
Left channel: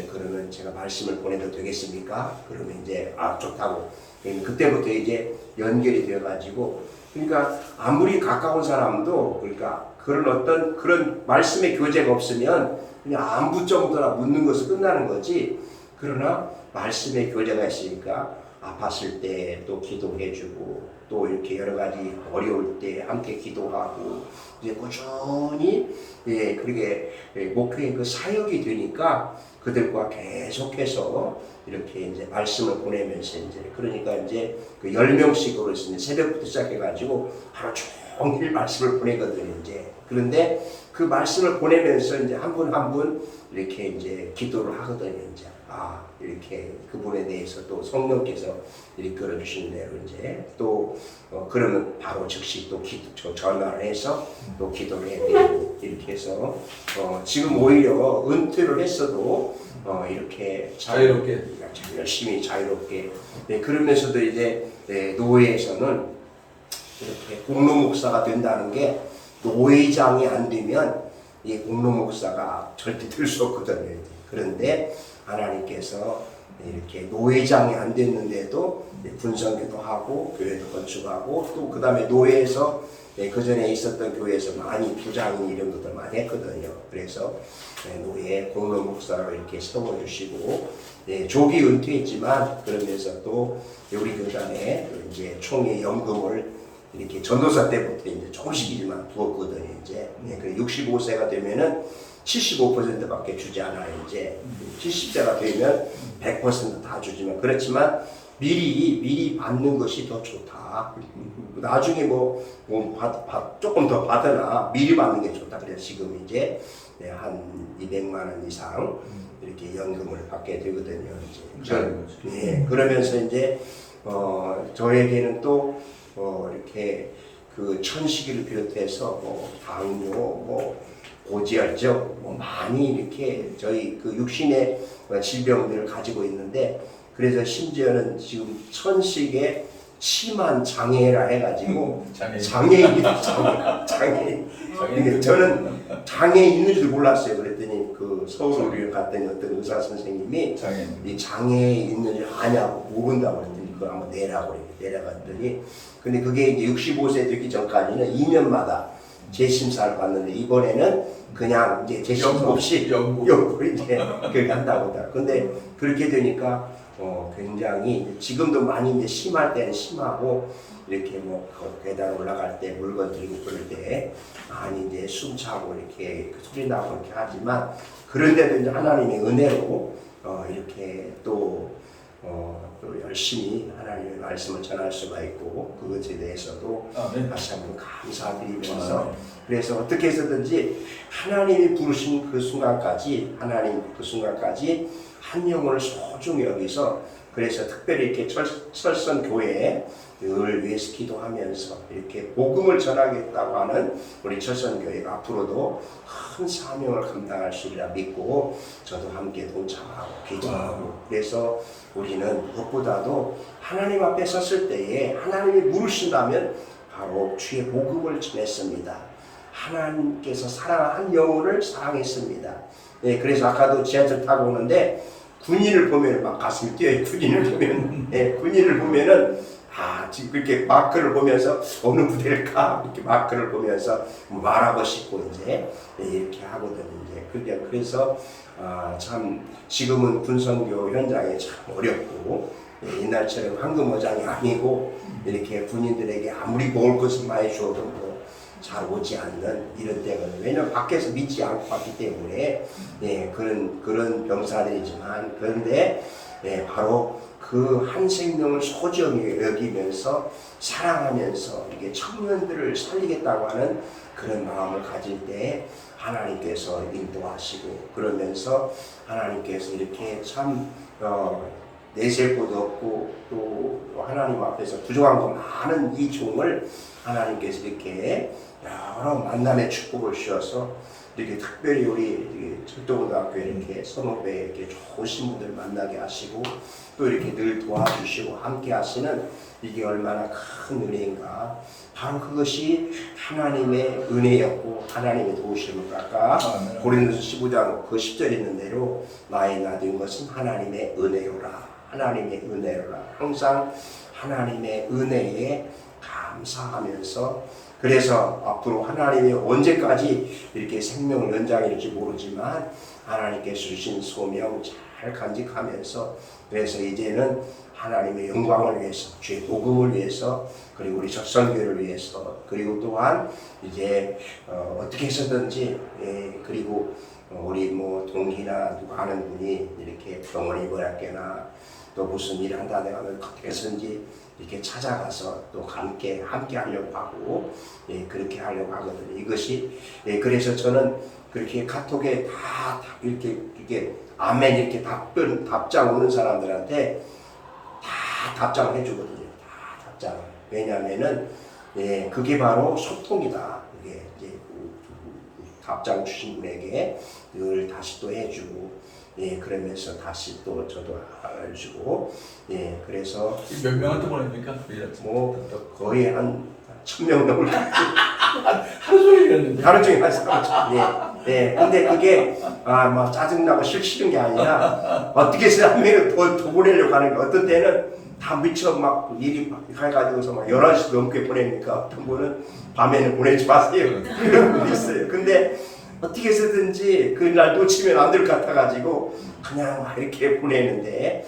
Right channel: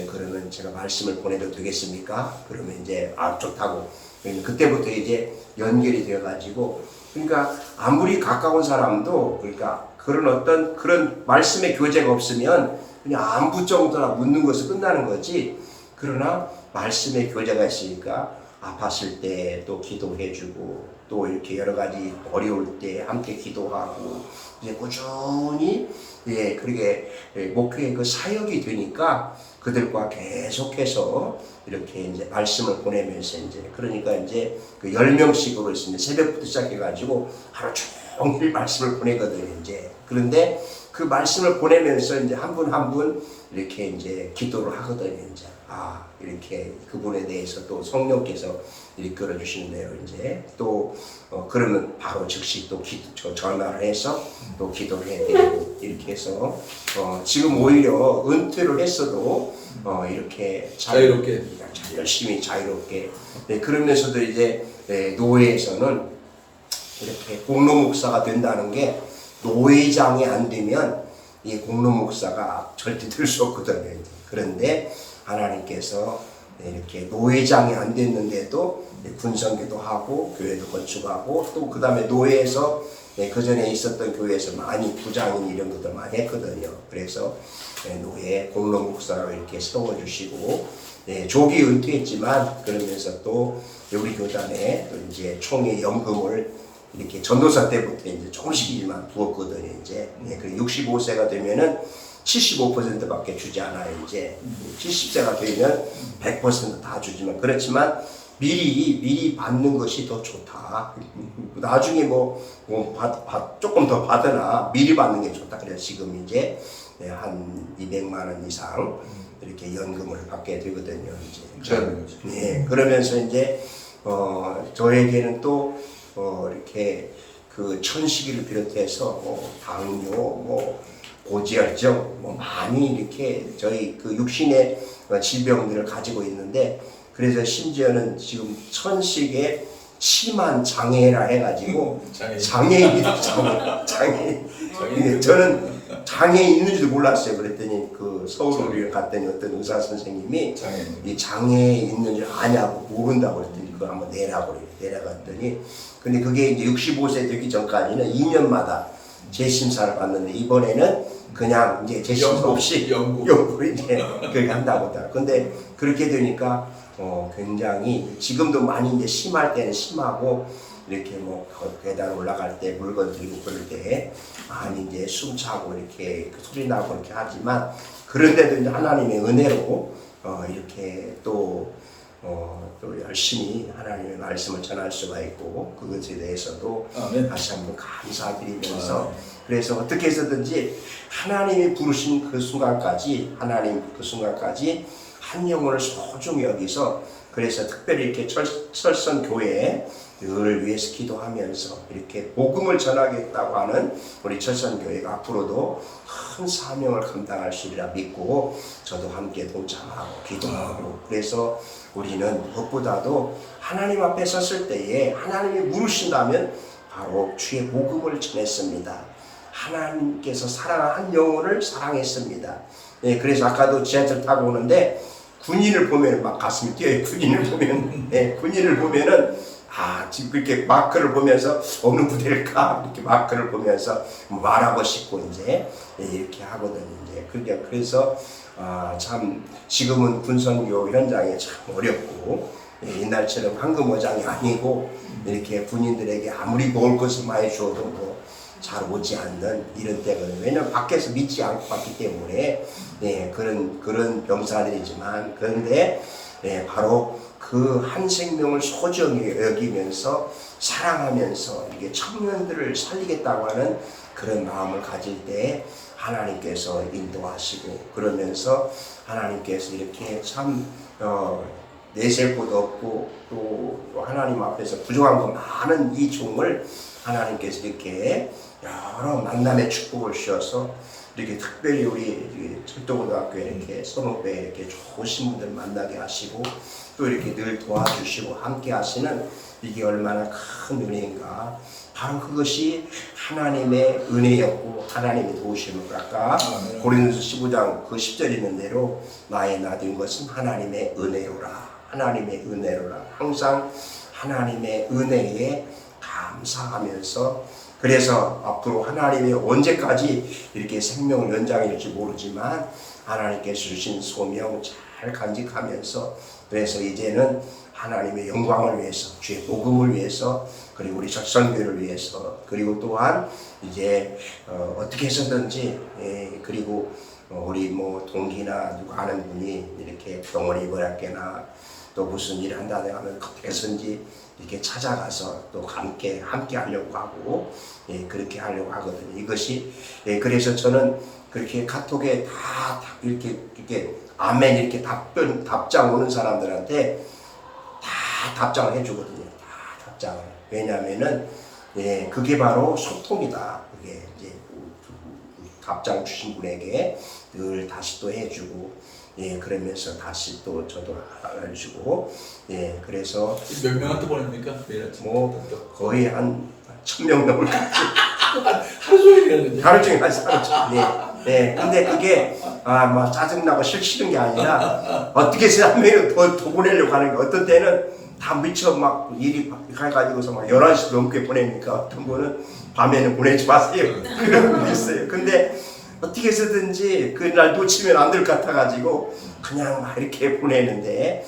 그러면 제가 말씀을 보내도 되겠습니까? 그러면 이제 좋다고 그때부터 이제 연결이 되어 가지고 그러니까 아무리 가까운 사람도 그러니까 그런 말씀의 교제가 없으면 그냥 안부 정도나 묻는 것을 끝나는 거지. 그러나 말씀의 교제가 있으니까 아팠을 때 또 기도해주고 또 이렇게 여러 가지 어려울 때 함께 기도하고 이제 꾸준히 그렇게 목회의 그 사역이 되니까 그들과 계속해서 이렇게 이제 말씀을 보내면서 이제 그러니까 이제 그 10명씩으로 있습니다. 새벽부터 시작해가지고 하루 종일 말씀을 보내거든요. 이제 그런데 그 말씀을 보내면서 이제 한 분 한 분 이렇게 이제 기도를 하거든요. 이제 이렇게 그분에 대해서 또 성령께서 이끌어 주시는 대로 이제 또 그러면 바로 즉시 또 전화를 해서 또 기도를 해드리고 이렇게 해서 지금 오히려 은퇴를 했어도 이렇게 자유롭게 열심히 자유롭게 그러면서도 이제 노회에서는 이렇게 공로 목사가 된다는 게 노회장이 안 되면 이 공로 목사가 절대 될 수 없거든요. 그런데 하나님께서 이렇게 노회장이 안 됐는데도 군성교도 하고 교회도 건축하고 또 그 다음에 노회에서 그 전에 있었던 교회에서 많이 부장인 이런 것들 많이 했거든요. 그래서 노회 공로 목사로 이렇게 세워주시고 조기 은퇴했지만 그러면서 또 우리 교단에 또 이제 총회 연금을 이렇게 전도사 때부터 이제 조금씩이지만 부었거든요. 이제 그 65세가 되면은 75%밖에 주지 않아요. 이제 70세가 되면 100% 다 주지만 그렇지만 미리 받는 것이 더 좋다. 나중에 조금 더 받으나 미리 받는 게 좋다. 그래서 지금 이제 한 200만 원 이상 이렇게 연금을 받게 되거든요. 이제 그러면서 이제 저에게는 또 이렇게 그 천식이를 비롯해서 당뇨 고지혈증 많이 이렇게 저희 그 육신의 질병들을 가지고 있는데 그래서 심지어는 지금 천식에 심한 장애라 해가지고 장애인이다. 장애인. 저는 장애 있는 줄도 몰랐어요. 그랬더니 그 서울의료에 갔더니 어떤 의사 선생님이 이 장애 있는 줄 아냐고 모른다고 그랬더니 그걸 한번 내라고 그래요. 내려갔더니 근데 그게 이제 65세 되기 전까지는 2년마다 재심사를 받는데 이번에는 그냥 이제 재심사 없이 연구로 이제 그렇게 한다고 하더라고요. 근데 그렇게 되니까 굉장히 지금도 많이 이제 심할 때는 심하고 이렇게 계단 올라갈 때 물건 들고 그럴 때 많이 이제 숨차고 이렇게 소리 나고 그렇게 하지만 그런데도 이제 하나님의 은혜로 이렇게 또 열심히 하나님의 말씀을 전할 수가 있고 그것에 대해서도 다시 한번 감사드리면서 그래서 어떻게 해서든지 하나님이 부르신 그 순간까지 한 영혼을 소중히 여기서 그래서 특별히 이렇게 철선교회 늘 위해서 기도하면서 이렇게 복음을 전하겠다고 하는 우리 철선교회가 앞으로도 큰 사명을 감당할 수 있리라 믿고 저도 함께 동참하고 기도하고, 그래서 우리는 무엇보다도 하나님 앞에 섰을 때에 하나님이 물으신다면 바로 주의 복음을 전했습니다. 하나님께서 사랑한 영혼을 사랑했습니다. 네, 그래서 아까도 지하철 타고 오는데 군인을 보면 막 가슴이 뛰어요. 군인을 보면, 네, 군인을 보면은 지금 그렇게 마크를 보면서 어느 부대일까 이렇게 마크를 보면서 말하고 싶고 이제 이렇게 하거든요. 이제 그래서 참 지금은 군선교 현장에 참 어렵고, 옛날처럼 황금어장이 아니고 이렇게 군인들에게 아무리 먹을 것을 많이 주어도 뭐 잘 오지 않는 이런 때거든요. 왜냐하면 밖에서 믿지 않고 왔기 때문에 그런 병사들이지만, 그런데 바로 그 한 생명을 소중히 여기면서 사랑하면서 이렇게 청년들을 살리겠다고 하는 그런 마음을 가질 때 하나님께서 인도하시고, 그러면서 하나님께서 이렇게 참 내세울 것도 없고 또 하나님 앞에서 부족한 거 많은 이 종을 하나님께서 이렇게 여러 만남의 축복을 주셔서 이렇게 특별히 우리 철도고등학교에 이렇게 선후배 이렇게 좋으신 분들 만나게 하시고 또 이렇게 늘 도와주시고 함께 하시는 이게 얼마나 큰 은혜인가. 바로 그것이 하나님의 은혜였고 하나님의 도우심을, 아까 고린도서 15장 그 10절에 있는 대로 나의 나된 것은 하나님의 은혜로라. 하나님의 은혜로라. 항상 하나님의 은혜에 감사하면서, 그래서 앞으로 하나님이 언제까지 이렇게 생명을 연장할지 모르지만 하나님께서 주신 소명 잘 간직하면서, 그래서 이제는 하나님의 영광을 위해서, 주의 복음을 위해서, 그리고 우리 적선교회를 위해서, 그리고 또한 이제 어떻게 해서든지 그리고 우리 뭐 동기나 누가 아는 분이 이렇게 병원에 입원했거나 또 무슨 일을 한다든가 하면 어떻게 해서든지 이렇게 찾아가서 또 함께 하려고 하고 그렇게 하려고 하거든요. 이것이 그래서 저는 그렇게 카톡에 다 이렇게 아멘 이렇게 답장 오는 사람들한테 다 답장을 해주거든요. 다 답장을. 왜냐하면은 그게 바로 소통이다. 그게 이제 답장 주신 분에게 늘 다시 또 해주고. 그러면서 다시 또 저도 알려주고, 그래서 몇 명한테 보냅니까? 뭐 거의 한 1000명 넘을 것 같아요. 하루 종일 하루 종일 근데 그게 막 짜증나고 싫은 게 아니라 어떻게 해서 한 명을 더 보내려고 하는 게, 어떤 때는 다 미쳐 막 일이 해가지고서 막 11시 넘게 보내니까 어떤 분은 밤에는 보내지 마세요. 그런 분도 있어요. 근데 어떻게 해서든지 그날 놓치면 안 될 것 같아가지고 그냥 막 이렇게 보내는데,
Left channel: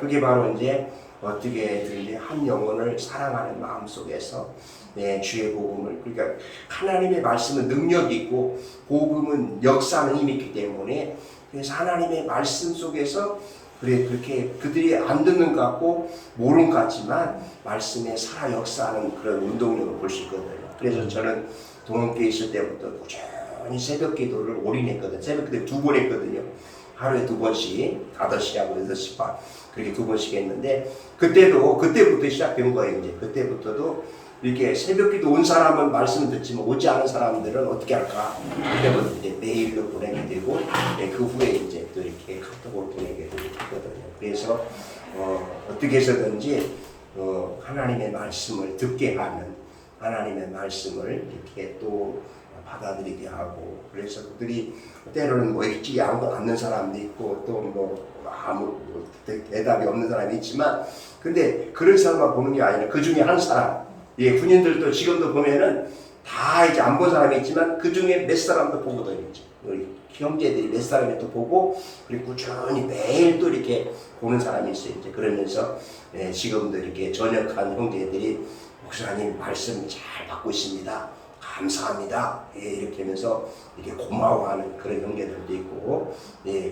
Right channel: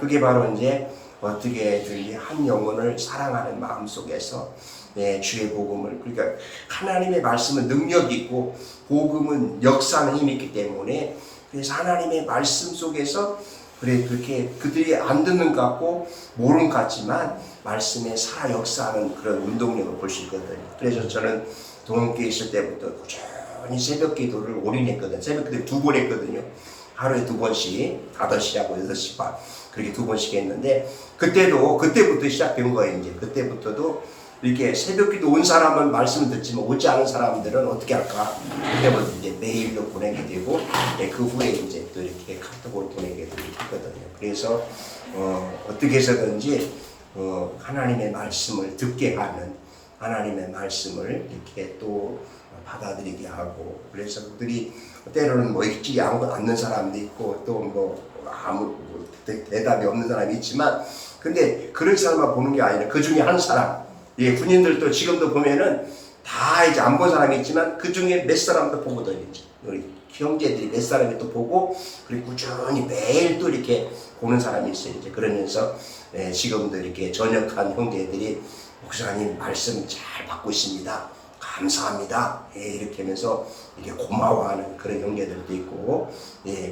그게 바로 이제 어떻게든지 한 영혼을 사랑하는 마음 속에서 주의 복음을, 그러니까 하나님의 말씀은 능력이 있고 복음은 역사는 힘이 있기 때문에, 그래서 하나님의 말씀 속에서 그렇게 그들이 안 듣는 것 같고 모르는 것 같지만 말씀에 살아 역사하는 그런 운동력을 볼 수 있거든요. 그래서 저는 동행교회 있을 때부터 꾸준히 새벽 기도를 올인했거든요. 새벽 기도 2번 했거든요. 하루에 2번씩 5시하고 6시 반 그렇게 2번씩 했는데, 그때부터 시작된 거예요. 이제 그때부터도 이렇게 새벽 기도 온 사람은 말씀을 듣지만 오지 않은 사람들은 어떻게 할까? 그때부터 이제 메일로 보내게 되고, 그 후에 이제 또 이렇게 카톡으로 보내게 되거든요. 그래서 어떻게 해서든지 하나님의 말씀을 듣게 하는, 하나님의 말씀을 이렇게 또 받아들이게 하고, 그래서 그들이 때로는 뭐 읽지 않는 사람도 있고 또 뭐 아무 대답이 없는 사람이 있지만, 근데 그런 사람만 보는 게 아니라 그 중에 한 사람, 군인들도 지금도 보면은 다 이제 안 본 사람이 있지만 그 중에 몇 사람도 보거든요. 우리 형제들이 몇 사람이 또 보고, 그리고 꾸준히 매일 또 이렇게 보는 사람이 있어요. 이제 그러면서 지금도 이렇게 전역한 형제들이 목사님 말씀 잘 받고 있습니다. 감사합니다. 이렇게 하면서 이렇게 고마워하는 그런 형제들도 있고,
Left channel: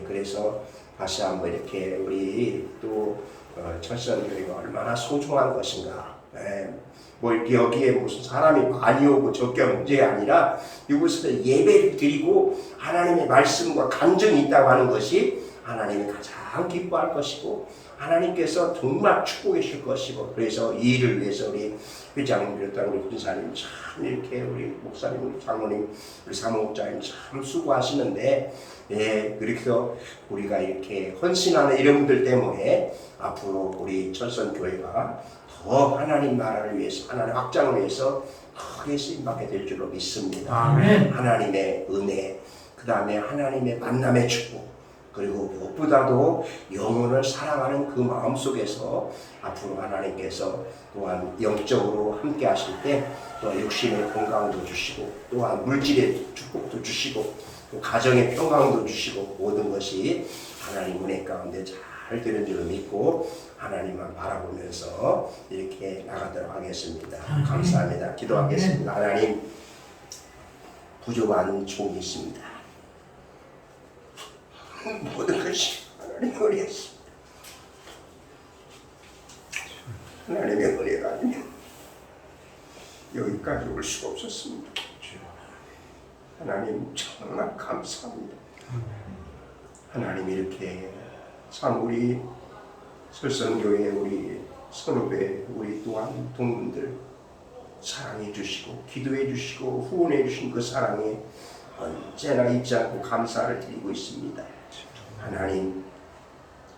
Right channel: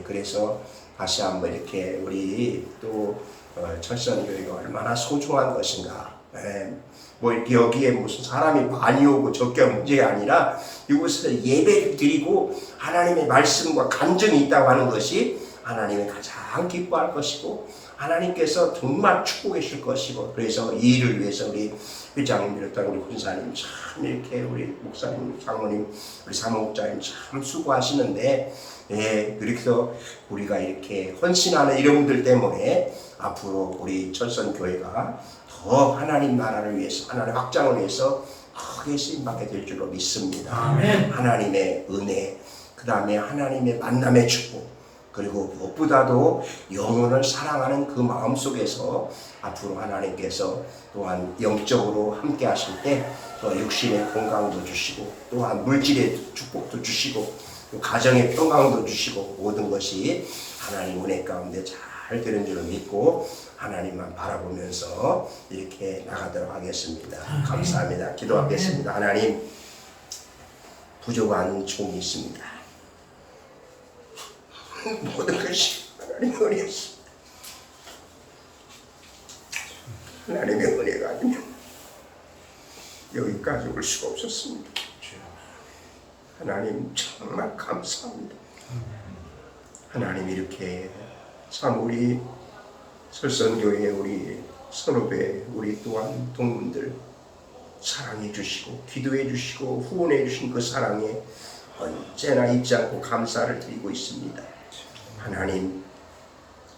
그래서 다시 한번 이렇게 우리 또 철선교회가 얼마나 소중한 것인가. 뭐 여기에 무슨 사람이 많이 오고 적게 문제가 아니라 이곳에서 예배를 드리고 하나님의 말씀과 간증이 있다고 하는 것이 하나님이 가장 기뻐할 것이고, 하나님께서 정말 축복해 줄 것이고, 그래서 이 일을 위해서 우리 회장님 비롯한 우리 군사님 참 이렇게 우리 목사님, 장로님, 우리 사무국장님 참 수고하시는데, 그래서 우리가 이렇게 헌신하는 이런 분들 때문에 앞으로 우리 철선교회가 더 하나님 나라를 위해서, 하나님 확장을 위해서 크게 쓰임받게 될 줄로 믿습니다. 아멘. 하나님의 은혜, 그 다음에 하나님의 만남의 축복, 그리고 무엇보다도 영혼을 사랑하는 그 마음 속에서 앞으로 하나님께서 또한 영적으로 함께 하실 때 또 육신의 건강도 주시고, 또한 물질의 축복도 주시고, 또 가정의 평강도 주시고, 모든 것이 하나님 은혜 가운데 잘 되는 줄 믿고 하나님만 바라보면서 이렇게 나가도록 하겠습니다. 감사합니다. 기도하겠습니다. 하나님, 부족한 종이 있습니다. 모든 것이 하나님의 은혜였습니다. 하나님의 은혜가 아니면 여기까지 올 수가 없었습니다. 하나님 정말 감사합니다. 하나님 이렇게 참 우리 설선교회 우리 선후배 우리 또한 동문들 사랑해 주시고 기도해 주시고 후원해 주신 그 사랑에 언제나 잊지 않고 감사를 드리고 있습니다. 하나님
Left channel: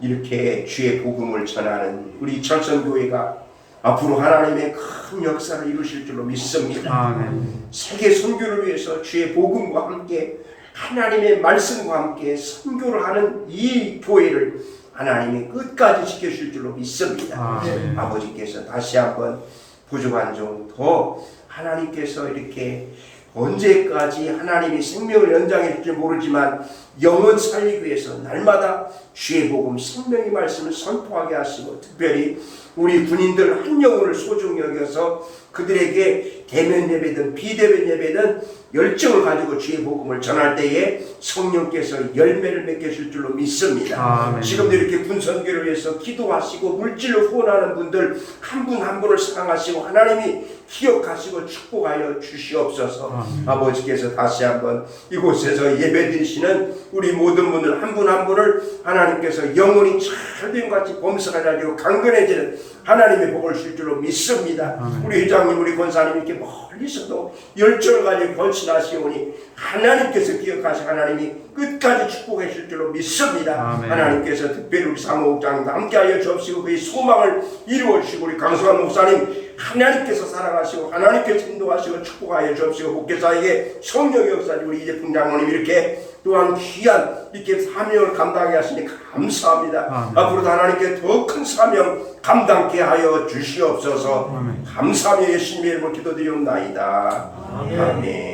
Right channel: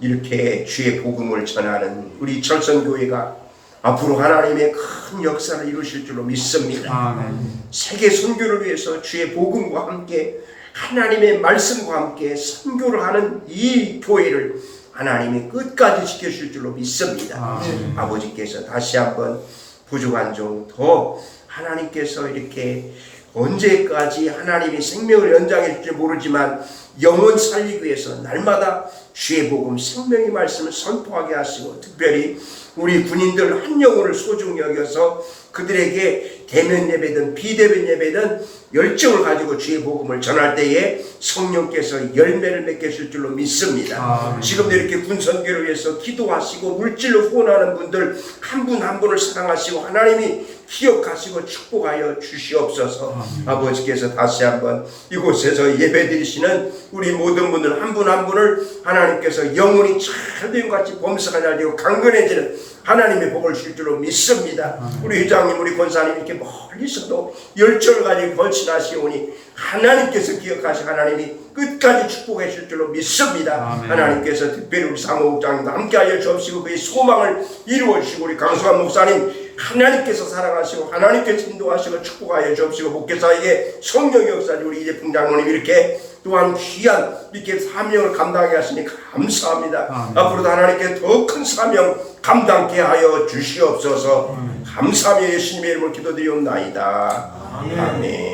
이렇게 주의 복음을 전하는 우리 철선교회가 앞으로 하나님의 큰 역사를 이루실 줄로 믿습니다. 아멘. 세계 선교를 위해서 주의 복음과 함께 하나님의 말씀과 함께 선교를 하는 이 교회를 하나님이 끝까지 지켜주실 줄로 믿습니다. 아멘. 아버지께서 다시 한번 부족한 종 더 하나님께서 이렇게 언제까지 하나님이 생명을 연장해 줄지 모르지만 영혼 살리기 위해서 날마다 주의 복음 생명의 말씀을 선포하게 하시고, 특별히 우리 군인들 한 영혼을 소중히 여겨서 그들에게 대면 예배든 비대면 예배든 열정을 가지고 주의 복음을 전할 때에 성령께서 열매를 맺게 줄 줄로 믿습니다. 아멘. 지금도 이렇게 군선교를 위해서 기도하시고 물질로 후원하는 분들 한 분 한 분을 사랑하시고 하나님이 기억하시고 축복하여 주시옵소서. 아멘. 아버지께서 다시 한번 이곳에서 예배드리시는 우리 모든 분들 한 분 한 분을 하나님께서 영혼이 잘된 같이 범사가 잘 되고 강건해지는 하나님의 복을 줄 줄로 믿습니다. 우리 회장님 우리 권사님 이렇게 멀리서도 열정을 가지고 헌신하시오니 하나님께서 기억하시 하나님이 끝까지 축복해 줄 줄로 믿습니다. 아멘. 하나님께서 특별히 우리 사무국장님도 함께하여 주옵시고 그의 소망을 이루어 주시고, 우리 강수환 목사님 하나님께서 사랑하시고 하나님께서 인도하시고 축복하여 주옵시고, 목회자에게 성령의 역사지 우리 이재풍 장로님 이렇게 또한 귀한 이렇게 사명을 감당하게 하시니 감사합니다. 아멘. 앞으로도 하나님께 더 큰 사명 감당케 하여 주시옵소서. 감사하며 예수님의 이름으로 기도드리옵나이다. 아멘.